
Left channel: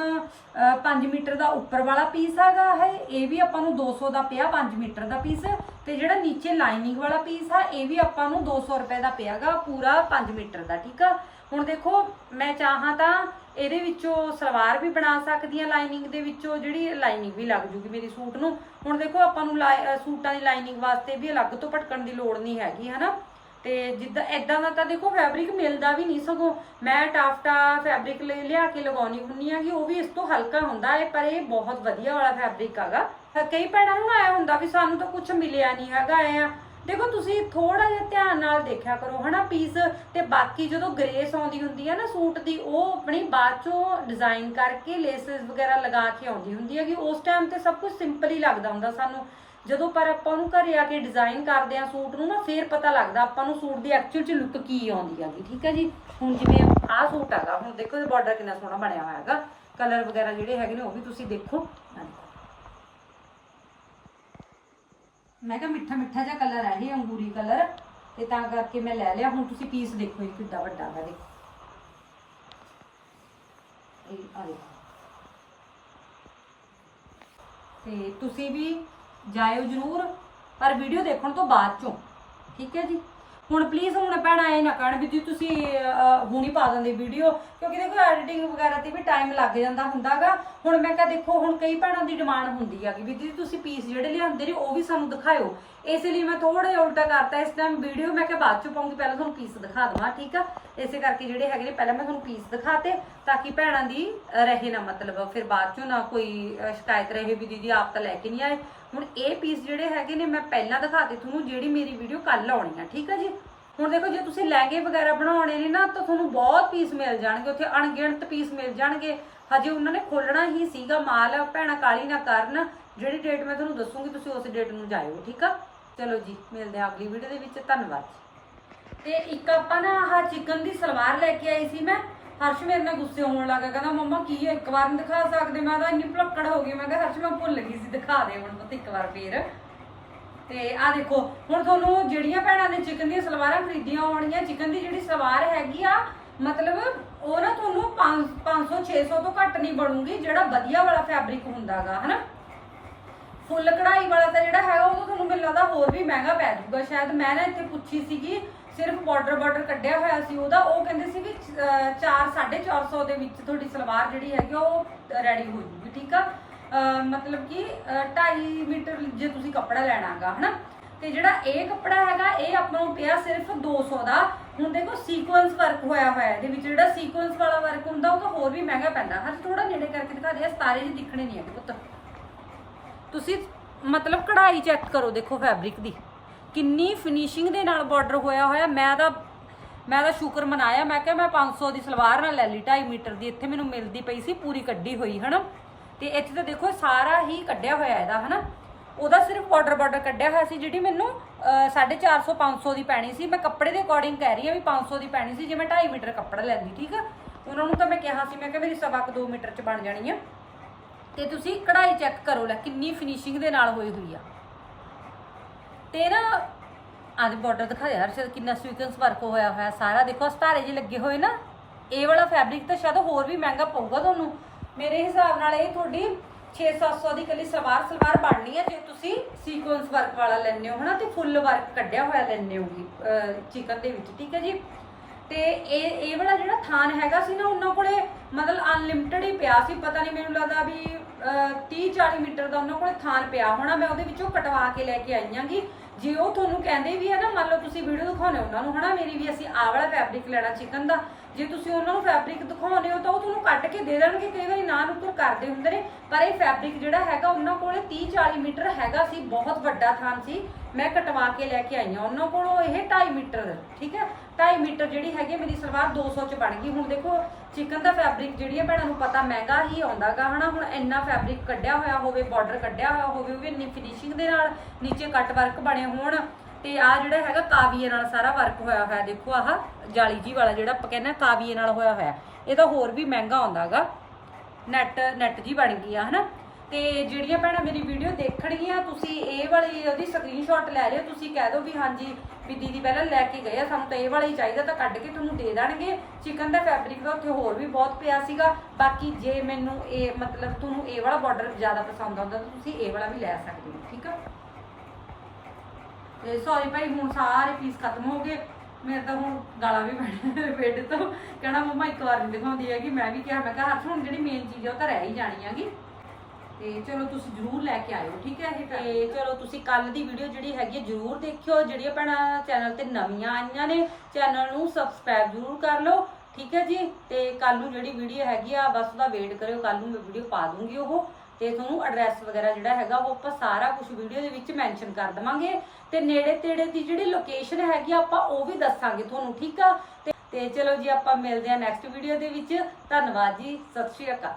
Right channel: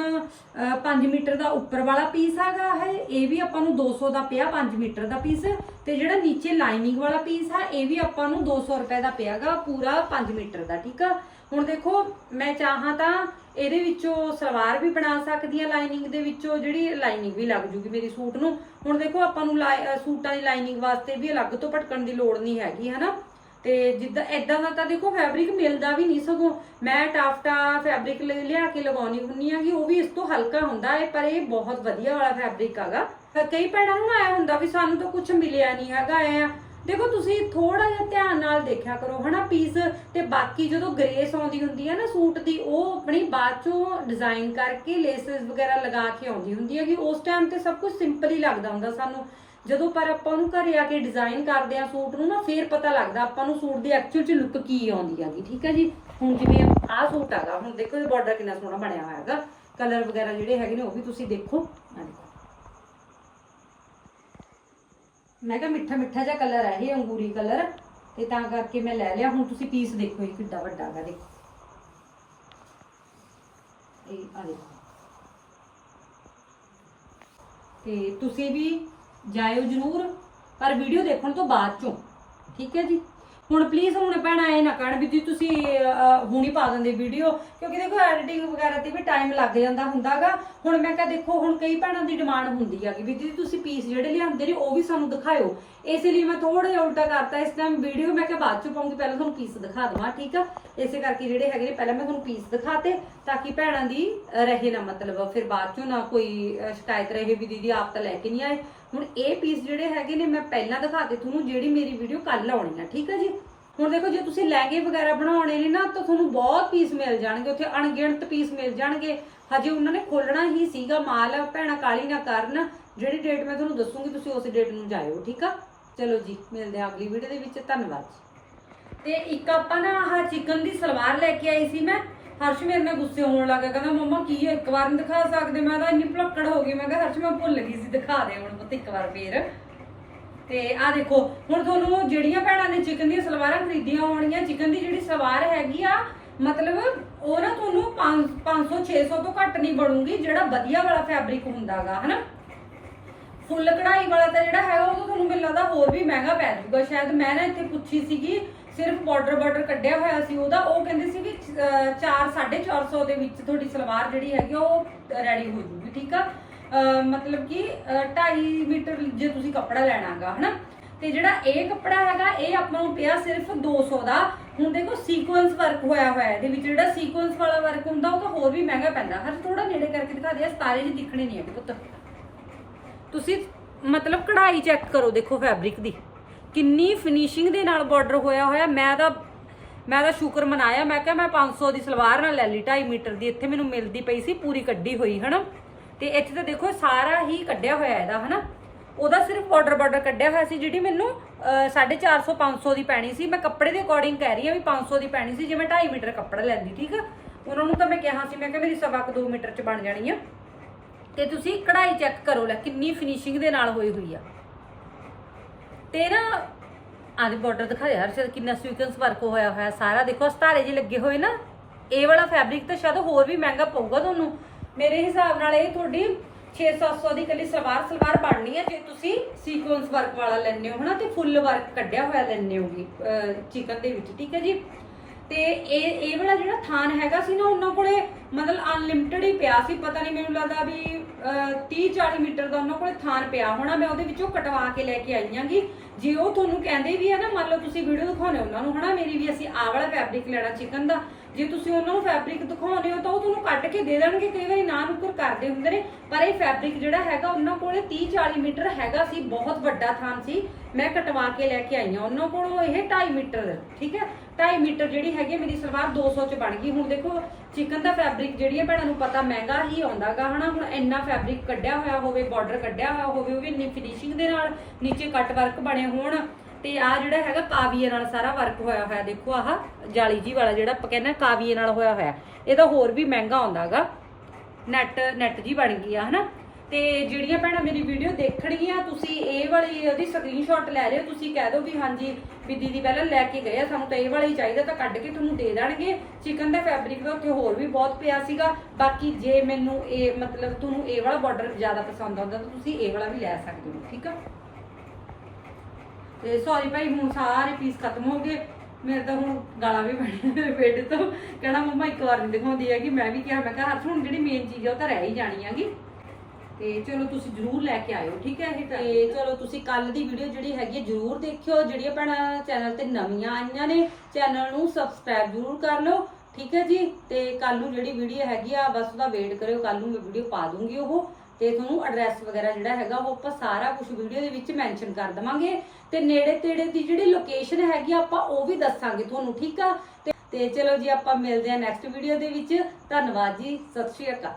5 ਮੀਟਰ ਦਾ ਉੱਪਰ ਵਾਲਾ ਪੀਸ ਹੈਗਾ ਹੈ ਇਹ ਵੀ ਆਪਾਂ ਨੂੰ 200 ਦਾ ਪਿਆ 5 ਮੀਟਰ ਦਾ ਪੀਸ ਤੇ ਜਿਹੜਾ ਨੀਚੇ ਲਾਈਨਿੰਗ ਵਾਲਾ ਪੀਸ ਆ, ਇਹ ਵੀ ਆਪਾਂ ਨੂੰ 200 ਰੁਪਏ ਦਾ ਪਿਆਗਾ ਪੂਰਾ 5 ਮੀਟਰ ਦਾ, ਠੀਕ ਆ? ਹੁਣ ਦੇਖੋ, ਮੈਂ ਚਾਹਾਂ ਤਾਂ ਇਹਦੇ ਵਿੱਚੋਂ ਸਲਵਾਰ ਵੀ ਬਣਾ ਸਕਦੀ ਆ ਲਾਈਨਿੰਗ ਦੇ ਵਿੱਚੋਂ, ਜਿਹੜੀ ਲਾਈਨਿੰਗ ਵੀ ਲੱਗ ਜੂਗੀ ਮੇਰੀ ਸੂਟ ਨੂੰ। ਹੁਣ ਦੇਖੋ, ਆਪਾਂ ਨੂੰ ਲਾਈ- ਸੂਟਾਂ ਦੀ ਲਾਈਨਿੰਗ ਵਾਸਤੇ ਵੀ ਅਲੱਗ ਤੋਂ ਭਟਕਣ ਦੀ ਲੋੜ ਨਹੀਂ ਹੈਗੀ, ਹਨਾ? ਤੇ ਜਿੱਦਾਂ ਐਦਾਂ ਦਾ ਤਾਂ ਦੇਖੋ ਫੈਬਰਿਕ ਮਿਲਦਾ ਵੀ ਨਹੀਂ ਸਗੋਂ। ਮੈਂ ਟਾਫਟਾ ਫੈਬਰਿਕ ਲਿਆ ਕੇ ਲਗਾਉਣੀ ਹੁੰਨੀ ਆ ਕਿ ਉਹ ਵੀ ਇਸ ਤੋਂ ਹਲਕਾ ਹੁੰਦਾ ਹੈ, ਪਰ ਇਹ ਬਹੁਤ ਵਧੀਆ ਵਾਲਾ ਫੈਬਰਿਕ ਹੈਗਾ। ਕਈ ਭੈਣਾਂ ਨੂੰ ਨਾ ਆਇਆ ਹੁੰਦਾ ਵੀ ਸਾਨੂੰ ਤਾਂ ਕੁਝ ਮਿਲਿਆ ਨਹੀਂ ਹੈਗਾ, ਐ ਦੇਖੋ ਤੁਸੀਂ ਥੋੜਾ ਜਿਹਾ ਧਿਆਨ ਨਾਲ ਦੇਖਿਆ ਕਰੋ, ਹਨਾ ਪੀਸ ਤੇ ਬਾਕੀ ਜਦੋਂ ਗ੍ਰੇਸ ਆਉਂਦੀ ਹੁੰਦੀ ਹੈ ਨਾ ਸੂਟ ਦੀ, ਉਹ ਆਪਣੀ ਬਾਅਦ ਚੋਂ ਡਿਜ਼ਾਈਨ ਕਰਕੇ ਲੇਸਸ ਵਗੈਰਾ ਲਗਾ ਕੇ ਆਉਂਦੀ ਹੁੰਦੀ ਹੈ ਕਿ ਉਸ ਟਾਈਮ ਤੇ ਸਭ ਕੁਝ ਸਿੰਪਲ ਹੀ ਲੱਗਦਾ ਹੁੰਦਾ ਸਾਨੂੰ। ਜਦੋਂ ਪਰ ਆਪਾਂ ਉਹਨੂੰ ਘਰੇ ਆ ਕੇ ਡਿਜ਼ਾਈਨ ਕਰਦੇ ਆ ਸੂਟ ਨੂੰ ਨਾ, ਫੇਰ ਪਤਾ ਲੱਗਦਾ ਆਪਾਂ ਨੂੰ ਸੂਟ ਦੀ ਐਕਚੁਅਲ ਚ ਲੁੱਕ ਕੀ ਆਉਂਦੀ ਹੈਗੀ, ਠੀਕ ਹੈ ਜੀ? ਹੁਣ ਜਿਵੇਂ ਆਹ ਸੂਟ ਹੈਗਾ, ਹੁਣ ਦੇਖੋ ਇਹ ਬਾਰਡਰ ਕਿੰਨਾ ਸੋਹਣਾ ਬਣਿਆ ਹੋਇਆ ਹੈਗਾ। ਕਲਰ ਵਗੈਰਾ ਜਿਹੜੇ ਹੈਗੇ ਨੇ, ਉਹ ਵੀ ਤੁਸੀਂ ਦੇਖੋ। ਆਹ ਦੇਖੋ। ਮੈਂ ਕਿਹਾ ਮਿੱਠਾ ਮਿੱਠਾ ਜਿਹਾ ਕਲਰ ਹੈ ਇਹ ਅੰਗੂਰੀ ਕਲਰ ਤੇ ਤਾਂ ਕਰਕੇ ਮੈਂ ਲੈ ਲਿਆ। ਹੁਣ ਤੁਸੀਂ ਪੀਸ ਦੇਖੋ ਇਹ ਕਿੱਡਾ ਵੱਡਾ ਹੈਗਾ ਦੇਖੋ। ਇਹ ਆ ਦੇਖੋ। ਤੇ ਤੁਸੀਂ ਵੀ ਜਾਇਓ ਜਰੂਰ ਪਰ ਵੀਡੀਓ ਦੇਖਣ ਤੋਂ ਬਾਅਦ ਚੋਂ ਠੀਕ ਹੈ ਜੀ? ਹੁਣ ਪਲੀਜ਼ ਹੁਣ ਭੈਣਾਂ ਇਹ ਨਾ ਕਹਿਣ ਵੀ ਜੀ ਤੁਸੀਂ ਅਹ, ਹੁਣੀ ਪਾ ਦਿੰਦੇ ਵੀਡੀਓ ਕਿਉਂਕਿ ਦੇਖੋ ਐਡੀਟਿੰਗ ਵਗੈਰਾ ਤੇ ਵੀ ਟਾਈਮ ਲੱਗ ਜਾਂਦਾ ਹੁੰਦਾਗਾ। ਹੁਣ ਮੈਂ ਕਿਹਾ ਦੇਖੋ, ਹੁਣ ਕਈ ਭੈਣਾਂ ਦੀ ਡਿਮਾਂਡ ਹੁੰਦੀ ਆ ਕਿ ਵੀ ਦੀਦੀ ਤੁਸੀਂ ਪੀਸ ਜਿਹੜੇ ਲਿਆਂਦੇ ਨੇ, ਉਹ ਵੀ ਸਾਨੂੰ ਦਿਖਾਇਓ। ਇਸੇ ਲਈ ਮੈਂ ਥੋੜਾ ਜਿਹਾ ਉਲਟਾ ਕਰਤਾ। ਇਸ ਟਾਈਮ ਵੀਡੀਓ ਮੈਂ ਕਿਹਾ ਬਾਅਦ ਚ ਪਾਉਂਗੀ, ਪਹਿਲਾਂ ਤੁਹਾਨੂੰ ਪੀਸ ਦਿਖਾ ਦਵਾਂ, ਠੀਕ ਆ? ਇਸੇ ਕਰਕੇ ਜਿਹੜੇ ਹੈਗੇ ਨੇ, ਪਹਿਲਾਂ ਮੈਂ ਤੁਹਾਨੂੰ ਪੀਸ ਦਿਖਾਤੇ, ਤਾਂ ਕਿ ਭੈਣਾਂ ਦੀ ਰਹੇ ਨਾ ਮਤਲਬ, ਫਿਰ ਬਾਅਦ ਚੋਂ ਨਾ ਕੋਈ ਸ਼ਿਕਾਇਤ ਰਹੇ ਵੀ ਦੀਦੀ ਆਪ ਤਾਂ ਲੈ ਕੇ ਨਹੀਂ ਆਏ। ਹੁਣ ਇਹ ਪੀਸ ਜਿਹੜੇ ਹੈਗੇ ਨੇ, ਮੈਂ ਪਹਿਲਾਂ ਦਿਖਾਤੇ ਤੁਹਾਨੂੰ ਜਿਹੜੀ ਮੇਰੀ ਵੀਡੀਓ ਕੱਲ ਆਉਣੀ ਆ, ਠੀਕ ਆ ਜੀ? ਹੁਣ ਦੇਖੋ, ਜੇ ਤੁਸੀਂ ਲਹਿੰਗੇ ਵਗੈਰਾ ਬਣਾਉਣੇ ਨੇ ਨਾ, ਤਾਂ ਤੁਹਾਨੂੰ ਬਹੁਤ ਪੀਸ ਮਿਲ ਜਾਣਗੇ। ਉੱਥੇ ਅਣਗਿਣਤ ਪੀਸ ਮਿਲ ਜਾਣਗੇ। ਹਜੇ ਉਹਨਾਂ ਨੇ ਖੋਲਣਾ ਹੀ ਸੀਗਾ ਮਾਲ, ਭੈਣਾ ਕਾਲੀ ਨਾ ਕਰਨ। ਜਿਹੜੀ ਡੇਟ ਮੈਂ ਤੁਹਾਨੂੰ ਦੱਸੂਗੀ, ਤੁਸੀਂ ਉਸ ਡੇਟ ਨੂੰ ਜਾਇਓ, ਠੀਕ ਆ? ਚਲੋ ਜੀ, ਮਿਲਦੇ ਹਾਂ ਅਗਲੀ ਵੀਡੀਓ ਦੇ ਵਿੱਚ। ਧੰਨਵਾਦ ਜੀ। ਤੇ ਇੱਕ ਆਪਾਂ ਨਾ ਆਹ ਚਿਕਨ ਦੀ ਸਲਵਾਰ ਲੈ ਕੇ ਆਈ ਸੀ ਮੈਂ। ਹਰਸ਼ ਮੇਰੇ ਨਾਲ ਗੁੱਸੇ ਹੋਣ ਲੱਗਾ ਕਹਿੰਦਾ, ਮੰਮਾ, ਕੀ ਹੈ ਇੱਕ ਵਾਰ ਦਿਖਾ ਸਕਦੇ? ਮੈਂ ਤਾਂ ਇੰਨੀ ਭੁਲੱਕੜ ਹੋ ਗਈ। ਮੈਂ ਕਿਹਾ, ਹਰਸ਼, ਮੈਂ ਭੁੱਲ ਗਈ ਸੀ, ਦਿਖਾ ਦੇ ਹੁਣ, ਪੁੱਤ, ਇੱਕ ਵਾਰ ਫੇਰ। ਤੇ ਆ ਦੇਖੋ, ਹੁਣ ਤੁਹਾਨੂੰ ਜਿਹੜੀਆਂ ਭੈਣਾਂ ਨੇ ਚਿਕਨ ਦੀਆਂ ਸਲਵਾਰਾਂ ਖਰੀਦੀਆਂ ਹੋਣਗੀਆਂ ਚਿਕਨ ਦੀ ਜਿਹੜੀ ਸਲਵਾਰ ਹੈਗੀ ਆ, ਮਤਲਬ ਉਹ ਨਾ ਤੁਹਾਨੂੰ 500 600 ਤੋਂ ਘੱਟ ਨਹੀਂ ਬਣੂਗੀ, ਜਿਹੜਾ ਵਧੀਆ ਵਾਲਾ ਫੈਬਰਿਕ ਹੁੰਦਾਗਾ, ਹਨਾ? ਫੁੱਲ ਕਢਾਈ ਵਾਲਾ ਤਾਂ ਜਿਹੜਾ ਹੈਗਾ, ਉਹ ਤੁਹਾਨੂੰ ਮੈਨੂੰ ਲੱਗਦਾ ਹੋਰ ਵੀ ਮਹਿੰਗਾ ਪੈ ਜਾਊਗਾ। ਸ਼ਾਇਦ ਮੈਂ ਨਾ ਇੱਥੇ ਪੁੱਛੀ ਸੀਗੀ, ਸਿਰਫ ਬਾਰਡਰ ਬਾਰਡਰ ਕੱਢਿਆ ਹੋਇਆ ਸੀ ਉਹਦਾ, ਉਹ ਕਹਿੰਦੇ ਸੀ ਵੀ 4 450 ਦੇ ਵਿੱਚ ਤੁਹਾਡੀ ਸਲਵਾਰ ਜਿਹੜੀ ਹੈਗੀ ਉਹ ਰੈਡੀ ਹੋ ਜੂਗੀ, ਠੀਕ ਆ? ਮਤਲਬ ਕਿ 2.5 ਮੀਟਰ ਜੇ ਤੁਸੀਂ ਕੱਪੜਾ ਲੈਣਾਗਾ, ਹਨਾ? ਤੇ ਜਿਹੜਾ ਇਹ ਕੱਪੜਾ ਹੈਗਾ, ਇਹ ਆਪਾਂ ਨੂੰ ਪਿਆ ਸਿਰਫ 200 ਦਾ। ਹੁਣ ਦੇਖੋ ਸੀਕੁਐਂਸ ਵਰਕ ਹੋਇਆ ਹੋਇਆ ਇਹਦੇ ਵਿੱਚ। ਜਿਹੜਾ ਸੀਕੁਐਂਸ ਵਾਲਾ ਵਰਕ ਹੁੰਦਾ, ਉਹ ਤਾਂ ਹੋਰ ਵੀ ਮਹਿੰਗਾ ਪੈਂਦਾ। ਹਰ ਥੋੜਾ ਨੇੜੇ ਕਰਕੇ ਦਿਖਾ ਦੇ ਸਾਰੇ ਜਿਹੇ ਦਿਖਣੇ ਨਹੀਂ ਹੈਗੇ ਪੁੱਤ। ਤੁਸੀਂ ਮਤਲਬ ਕਢਾਈ ਚੈੱਕ ਕਰੋ, ਦੇਖੋ ਫੈਬਰਿਕ ਦੀ। ਕਿੰਨੀ ਫਿਨਿਸ਼ਿੰਗ ਦੇ ਨਾਲ ਬਾਰਡਰ ਹੋਇਆ ਹੋਇਆ। ਮੈਂ ਤਾਂ ਮੈਂ ਤਾਂ ਸ਼ੁਕਰ ਮਨਾਇਆ। ਮੈਂ ਕਿਹਾ ਮੈਂ 500 ਦੀ ਸਲਵਾਰ ਨਾਲ ਲੈ ਲਈ 2.5 ਮੀਟਰ ਦੀ। ਇੱਥੇ ਮੈਨੂੰ ਮਿਲਦੀ ਪਈ ਸੀ, ਪੂਰੀ ਕੱਢੀ ਹੋਈ, ਹਨਾ? ਤੇ ਇੱਥੇ ਤਾਂ ਦੇਖੋ ਸਾਰਾ ਹੀ ਕੱਢਿਆ ਹੋਇਆ ਇਹਦਾ ਹਨਾ? ਉਹਦਾ ਸਿਰਫ ਬਾਰਡਰ ਬਾਰਡਰ ਕੱਢਿਆ ਹੋਇਆ ਸੀ ਜਿਹੜੀ ਮੈਨੂੰ ਅਹ, 450 500 ਦੀ ਪੈਣੀ ਸੀ। ਮੈਂ ਕੱਪੜੇ ਦੇ ਅਕੋਰਡਿੰਗ ਕਹਿ ਰਹੀ ਹਾਂ ਵੀ 500 ਦੀ ਪੈਣੀ ਸੀ ਜੇ ਮੈਂ 2.5 ਮੀਟਰ ਕੱਪੜਾ ਲੈਂਦੀ ਠੀਕ ਆ? ਉਹਨਾਂ ਨੂੰ ਤਾਂ ਮੈਂ ਕਿਹਾ ਸੀ ਮੈਂ ਕਿਹਾ ਮੇਰੀ ਸਵਾ ਕੁ 2 ਮੀਟਰ ਚ ਬਣ ਜਾਣੀ ਆ। ਤੇ ਤੁਸੀਂ ਕਢਾਈ ਚੈੱਕ ਕਰੋ ਲੈ ਕਿੰਨੀ ਫਿਨਿਸ਼ਿੰਗ ਦੇ ਨਾਲ ਹੋਈ ਹੋਈ ਆ। ਤੇ ਨਾ ਆਹ ਬਾਰਡਰ ਦਿਖਾ ਯਾਰ ਸ਼ਾਇਦ ਕਿੰਨਾ ਸਵੀਕਨਸ ਵਰਕ ਹੋਇਆ ਹੋਇਆ ਸਾਰਾ ਦੇਖੋ ਸਤਾਰੇ ਜੀ ਲੱਗੇ ਹੋਏ ਨਾ ਇਹ ਵਾਲਾ ਫੈਬਰਿਕ ਤਾਂ ਸ਼ਾਇਦ ਹੋਰ ਵੀ ਮਹਿੰਗਾ ਪਊਗਾ ਤੁਹਾਨੂੰ। ਮੇਰੇ ਹਿਸਾਬ ਨਾਲ ਇਹ ਤੁਹਾਡੀ 6-700 ਦੀ ਕੱਲੀ ਸਲਵਾਰ ਸਲਵਾਰ ਬਣਨੀ ਹੈ ਜੇ ਤੁਸੀਂ ਸੀਕੁਐਂਸ ਵਰਕ ਵਾਲਾ ਲੈਣੇ ਹੋ, ਹਨਾ? ਤੇ ਫੁੱਲ ਵਰਕ ਕੱਢਿਆ ਹੋਇਆ ਲੈਣੇ ਹੋਗੀ ਚਿਕਨ ਦੇ ਵਿੱਚ, ਠੀਕ ਹੈ ਜੀ? ਤੇ ਇਹ ਇਹ ਵਾਲਾ ਜਿਹੜਾ ਥਾਨ ਹੈਗਾ ਸੀ ਨਾ, ਉਹਨਾਂ ਕੋਲੇ ਮਤਲਬ ਅਨਲਿਮਿਟਿਡ ਹੀ ਪਿਆ ਸੀ। ਪਤਾ ਨਹੀਂ, ਮੈਨੂੰ ਲੱਗਦਾ ਵੀ 30 40 ਮੀਟਰ ਦਾ ਉਹਨਾਂ ਕੋਲੇ ਥਾਨ ਪਿਆ ਹੋਣਾ। ਮੈਂ ਉਹਦੇ ਵਿੱਚੋਂ ਕਟਵਾ ਕੇ ਲੈ ਕੇ ਆਈ ਆਂਗੀ ਜੇ ਉਹ ਤੁਹਾਨੂੰ ਕਹਿੰਦੇ ਵੀ ਹੈ ਨਾ, ਮੰਨ ਲਓ ਤੁਸੀਂ ਵੀਡੀਓ ਦਿਖਾਉਣੇ ਉਹਨਾਂ ਨੂੰ, ਹਨਾ? ਮੇਰੀ ਵੀ ਅਸੀਂ ਆ ਵਾਲਾ ਫੈਬਰਿਕ ਲੈਣਾ ਚਿਕਨ ਦਾ। ਜੇ ਤੁਸੀਂ ਉਹਨਾਂ ਨੂੰ ਫੈਬਰਿਕ ਦਿਖਾਉਂਦੇ ਹੋ ਤਾਂ ਉਹ ਤੁਹਾਨੂੰ ਕੱਢ ਕੇ ਦੇ ਦੇਣਗੇ। ਕਈ ਵਾਰੀ ਨਾ ਨੁਕਰ ਕਰਦੇ ਹੁੰਦੇ ਨੇ, ਪਰ ਇਹ ਫੈਬਰਿਕ ਜਿਹੜਾ ਹੈਗਾ ਉਹਨਾਂ ਕੋਲੇ 30 40 ਮੀਟਰ ਹੈਗਾ ਸੀ, ਬਹੁਤ ਵੱਡਾ ਥਾਂ ਸੀ। ਮੈਂ ਕਟਵਾ ਕੇ ਲੈ ਕੇ ਆਈ ਹਾਂ। ਉਹਨਾਂ ਕੋਲੋਂ ਇਹ 2.5 ਮੀਟਰ, ਠੀਕ ਹੈ? 2.5 ਮੀਟਰ ਜਿਹੜੀ ਹੈਗੀ ਮੇਰੀ ਸਲਵਾਰ 200 ਚ ਬਣ ਗਈ। ਹੁਣ ਦੇਖੋ ਚਿਕਨ ਦਾ ਫੈਬਰਿਕ ਜਿਹੜੀ ਜਿਹੜੀਆਂ ਭੈਣਾਂ ਨੂੰ ਪਤਾ ਮਹਿੰਗਾ ਹੀ ਆਉਂਦਾਗਾ, ਹਨਾ? ਹੁਣ ਇੰਨਾ ਫੈਬਰਿਕ ਕੱਢਿਆ ਹੋਇਆ ਹੋਵੇ ਬਾਰਡਰ ਕੱਢਿਆ ਹੋਇਆ ਹੋਵੇ, ਉਹ ਵੀ ਇੰਨੀ ਫਿਨਿਸ਼ਿੰਗ ਦੇ ਨਾਲ ਨੀਚੇ ਕੱਟ ਵਰਕ ਬਣੇ ਹੋਣ। ਤੇ ਆ ਜਿਹੜਾ ਹੈਗਾ ਕਾਵੀਏ ਨਾਲ ਸਾਰਾ ਵਰਕ ਹੋਇਆ ਹੋਇਆ, ਦੇਖੋ ਆਹ ਜਾਲੀ ਜੀ ਵਾਲਾ ਜਿਹੜਾ ਆਪਾਂ ਕਹਿੰਦੇ ਕਾਵੀਏ ਨਾਲ ਹੋਇਆ ਹੋਇਆ। ਇਹਦਾ ਹੋਰ ਵੀ ਮਹਿੰਗਾ ਆਉਂਦਾਗਾ। ਨੈਟ ਨੈਟ ਜੀ ਬਣ ਗਈ ਆ, ਹਨਾ? ਤੇ ਜਿਹੜੀਆਂ ਭੈਣਾਂ ਮੇਰੀ ਵੀਡੀਓ ਦੇਖਣਗੀਆਂ, ਤੁਸੀਂ ਇਹ ਵਾਲੀ ਉਹਦੀ ਸਕਰੀਨਸ਼ਾਟ ਲੈ ਲਿਓ, ਤੁਸੀਂ ਕਹਿ ਦਿਓ ਵੀ ਹਾਂਜੀ, ਵੀ ਦੀਦੀ ਪਹਿਲਾਂ ਲੈ ਕੇ ਗਏ ਆ, ਸਾਨੂੰ ਤਾਂ ਇਹ ਵਾਲਾ ਹੀ ਚਾਹੀਦਾ, ਤਾਂ ਕੱਢ ਕੇ ਤੁਹਾਨੂੰ ਦੇ ਦੇਣਗੇ। ਚਿਕਨ ਦਾ ਫੈਬਰਿਕ ਦਾ ਉੱਥੇ ਹੋਰ ਵੀ ਬਹੁਤ ਪਿਆ ਸੀਗਾ। ਬਾਕੀ ਜੇ ਮੈਨੂੰ ਇਹ ਮਤਲਬ ਤੁਹਾਨੂੰ ਇਹ ਵਾਲਾ ਬਾਰਡਰ ਜ਼ਿਆਦਾ ਪਸੰਦ ਆਉਂਦਾ, ਤਾਂ ਤੁਸੀਂ ਇਹ ਵਾਲਾ ਵੀ ਲੈ ਸਕਦੇ ਹੋ, ਠੀਕ ਆ? ਤੇ ਸੌਰੀ ਭਾਈ, ਹੁਣ ਸਾਰੇ ਪੀਸ ਖਤਮ ਹੋ ਗਏ। ਮੇਰੇ ਤਾਂ ਹੁਣ ਗਾਲਾਂ ਵੀ ਪੈਣੀਆਂ ਮੇਰੇ ਬੇਟੇ ਤੋਂ। ਕਹਿਣਾ ਮੰਮਾ ਇੱਕ ਵਾਰ ਨਹੀਂ ਦਿਖਾਉਂਦੀ ਹੈਗੀ। ਮੈਂ ਵੀ ਕਿਹਾ, ਮੈਂ ਕਿਹਾ ਹੱਥ ਹੁਣ ਜਿਹੜੀ ਮੇਨ ਚੀਜ਼ ਆ ਉਹ ਤਾਂ ਰਹਿ ਹੀ ਜਾਣੀ ਹੈਗੀ। ਤੇ ਚਲੋ ਤੁਸੀਂ ਜਰੂਰ ਲੈ ਕੇ ਆਇਓ, ਠੀਕ ਹੈ ਇਹ ਤੇ? ਚਲੋ ਤੁਸੀਂ ਕੱਲ ਦੀ ਵੀਡੀਓ ਜਿਹੜੀ ਹੈਗੀ ਹੈ ਜਰੂਰ ਦੇਖਿਓ। ਜਿਹੜੀਆਂ ਭੈਣਾਂ ਚੈਨਲ ਤੇ ਨਵੀਆਂ ਆਈਆਂ ਨੇ ਚੈਨਲ ਨੂੰ ਸਬਸਕ੍ਰਾਈਬ ਜਰੂਰ ਕਰ ਲਓ, ਠੀਕ ਹੈ ਜੀ? ਤੇ ਕੱਲ ਨੂੰ ਜਿਹੜੀ ਵੀਡੀਓ ਹੈਗੀ ਆ, ਬਸ ਉਹਦਾ ਵੇਟ ਕਰਿਓ। ਕੱਲ ਨੂੰ ਮੈਂ ਵੀਡੀਓ ਪਾ ਦੂੰਗੀ ਉਹ। ਤੇ ਤੁਹਾਨੂੰ ਐਡਰੈਸ ਵਗੈਰਾ ਜਿਹੜਾ ਹੈਗਾ, ਉਹ ਆਪਾਂ ਸਾਰਾ ਕੁਝ ਵੀਡੀਓ ਦੇ ਵਿੱਚ ਮੈਂਸ਼ਨ ਕਰ ਦਵਾਂਗੇ। ਤੇ ਨੇੜੇ ਤੇੜੇ ਦੀ ਜਿਹੜੀ ਲੋਕੇਸ਼ਨ ਹੈਗੀ ਆ, ਆਪਾਂ ਉਹ ਵੀ ਦੱਸਾਂਗੇ ਤੁਹਾਨੂੰ ਠੀਕ ਆ? ਤੇ- ਤੇ ਚਲੋ ਜੀ ਆਪਾਂ ਮਿਲਦੇ ਆ ਨੈਕਸਟ ਵੀਡੀਓ ਦੇ ਵਿੱਚ। ਧੰਨਵਾਦ ਜੀ ਸਤਿ ਸ਼੍ਰੀ ਅਕਾਲ।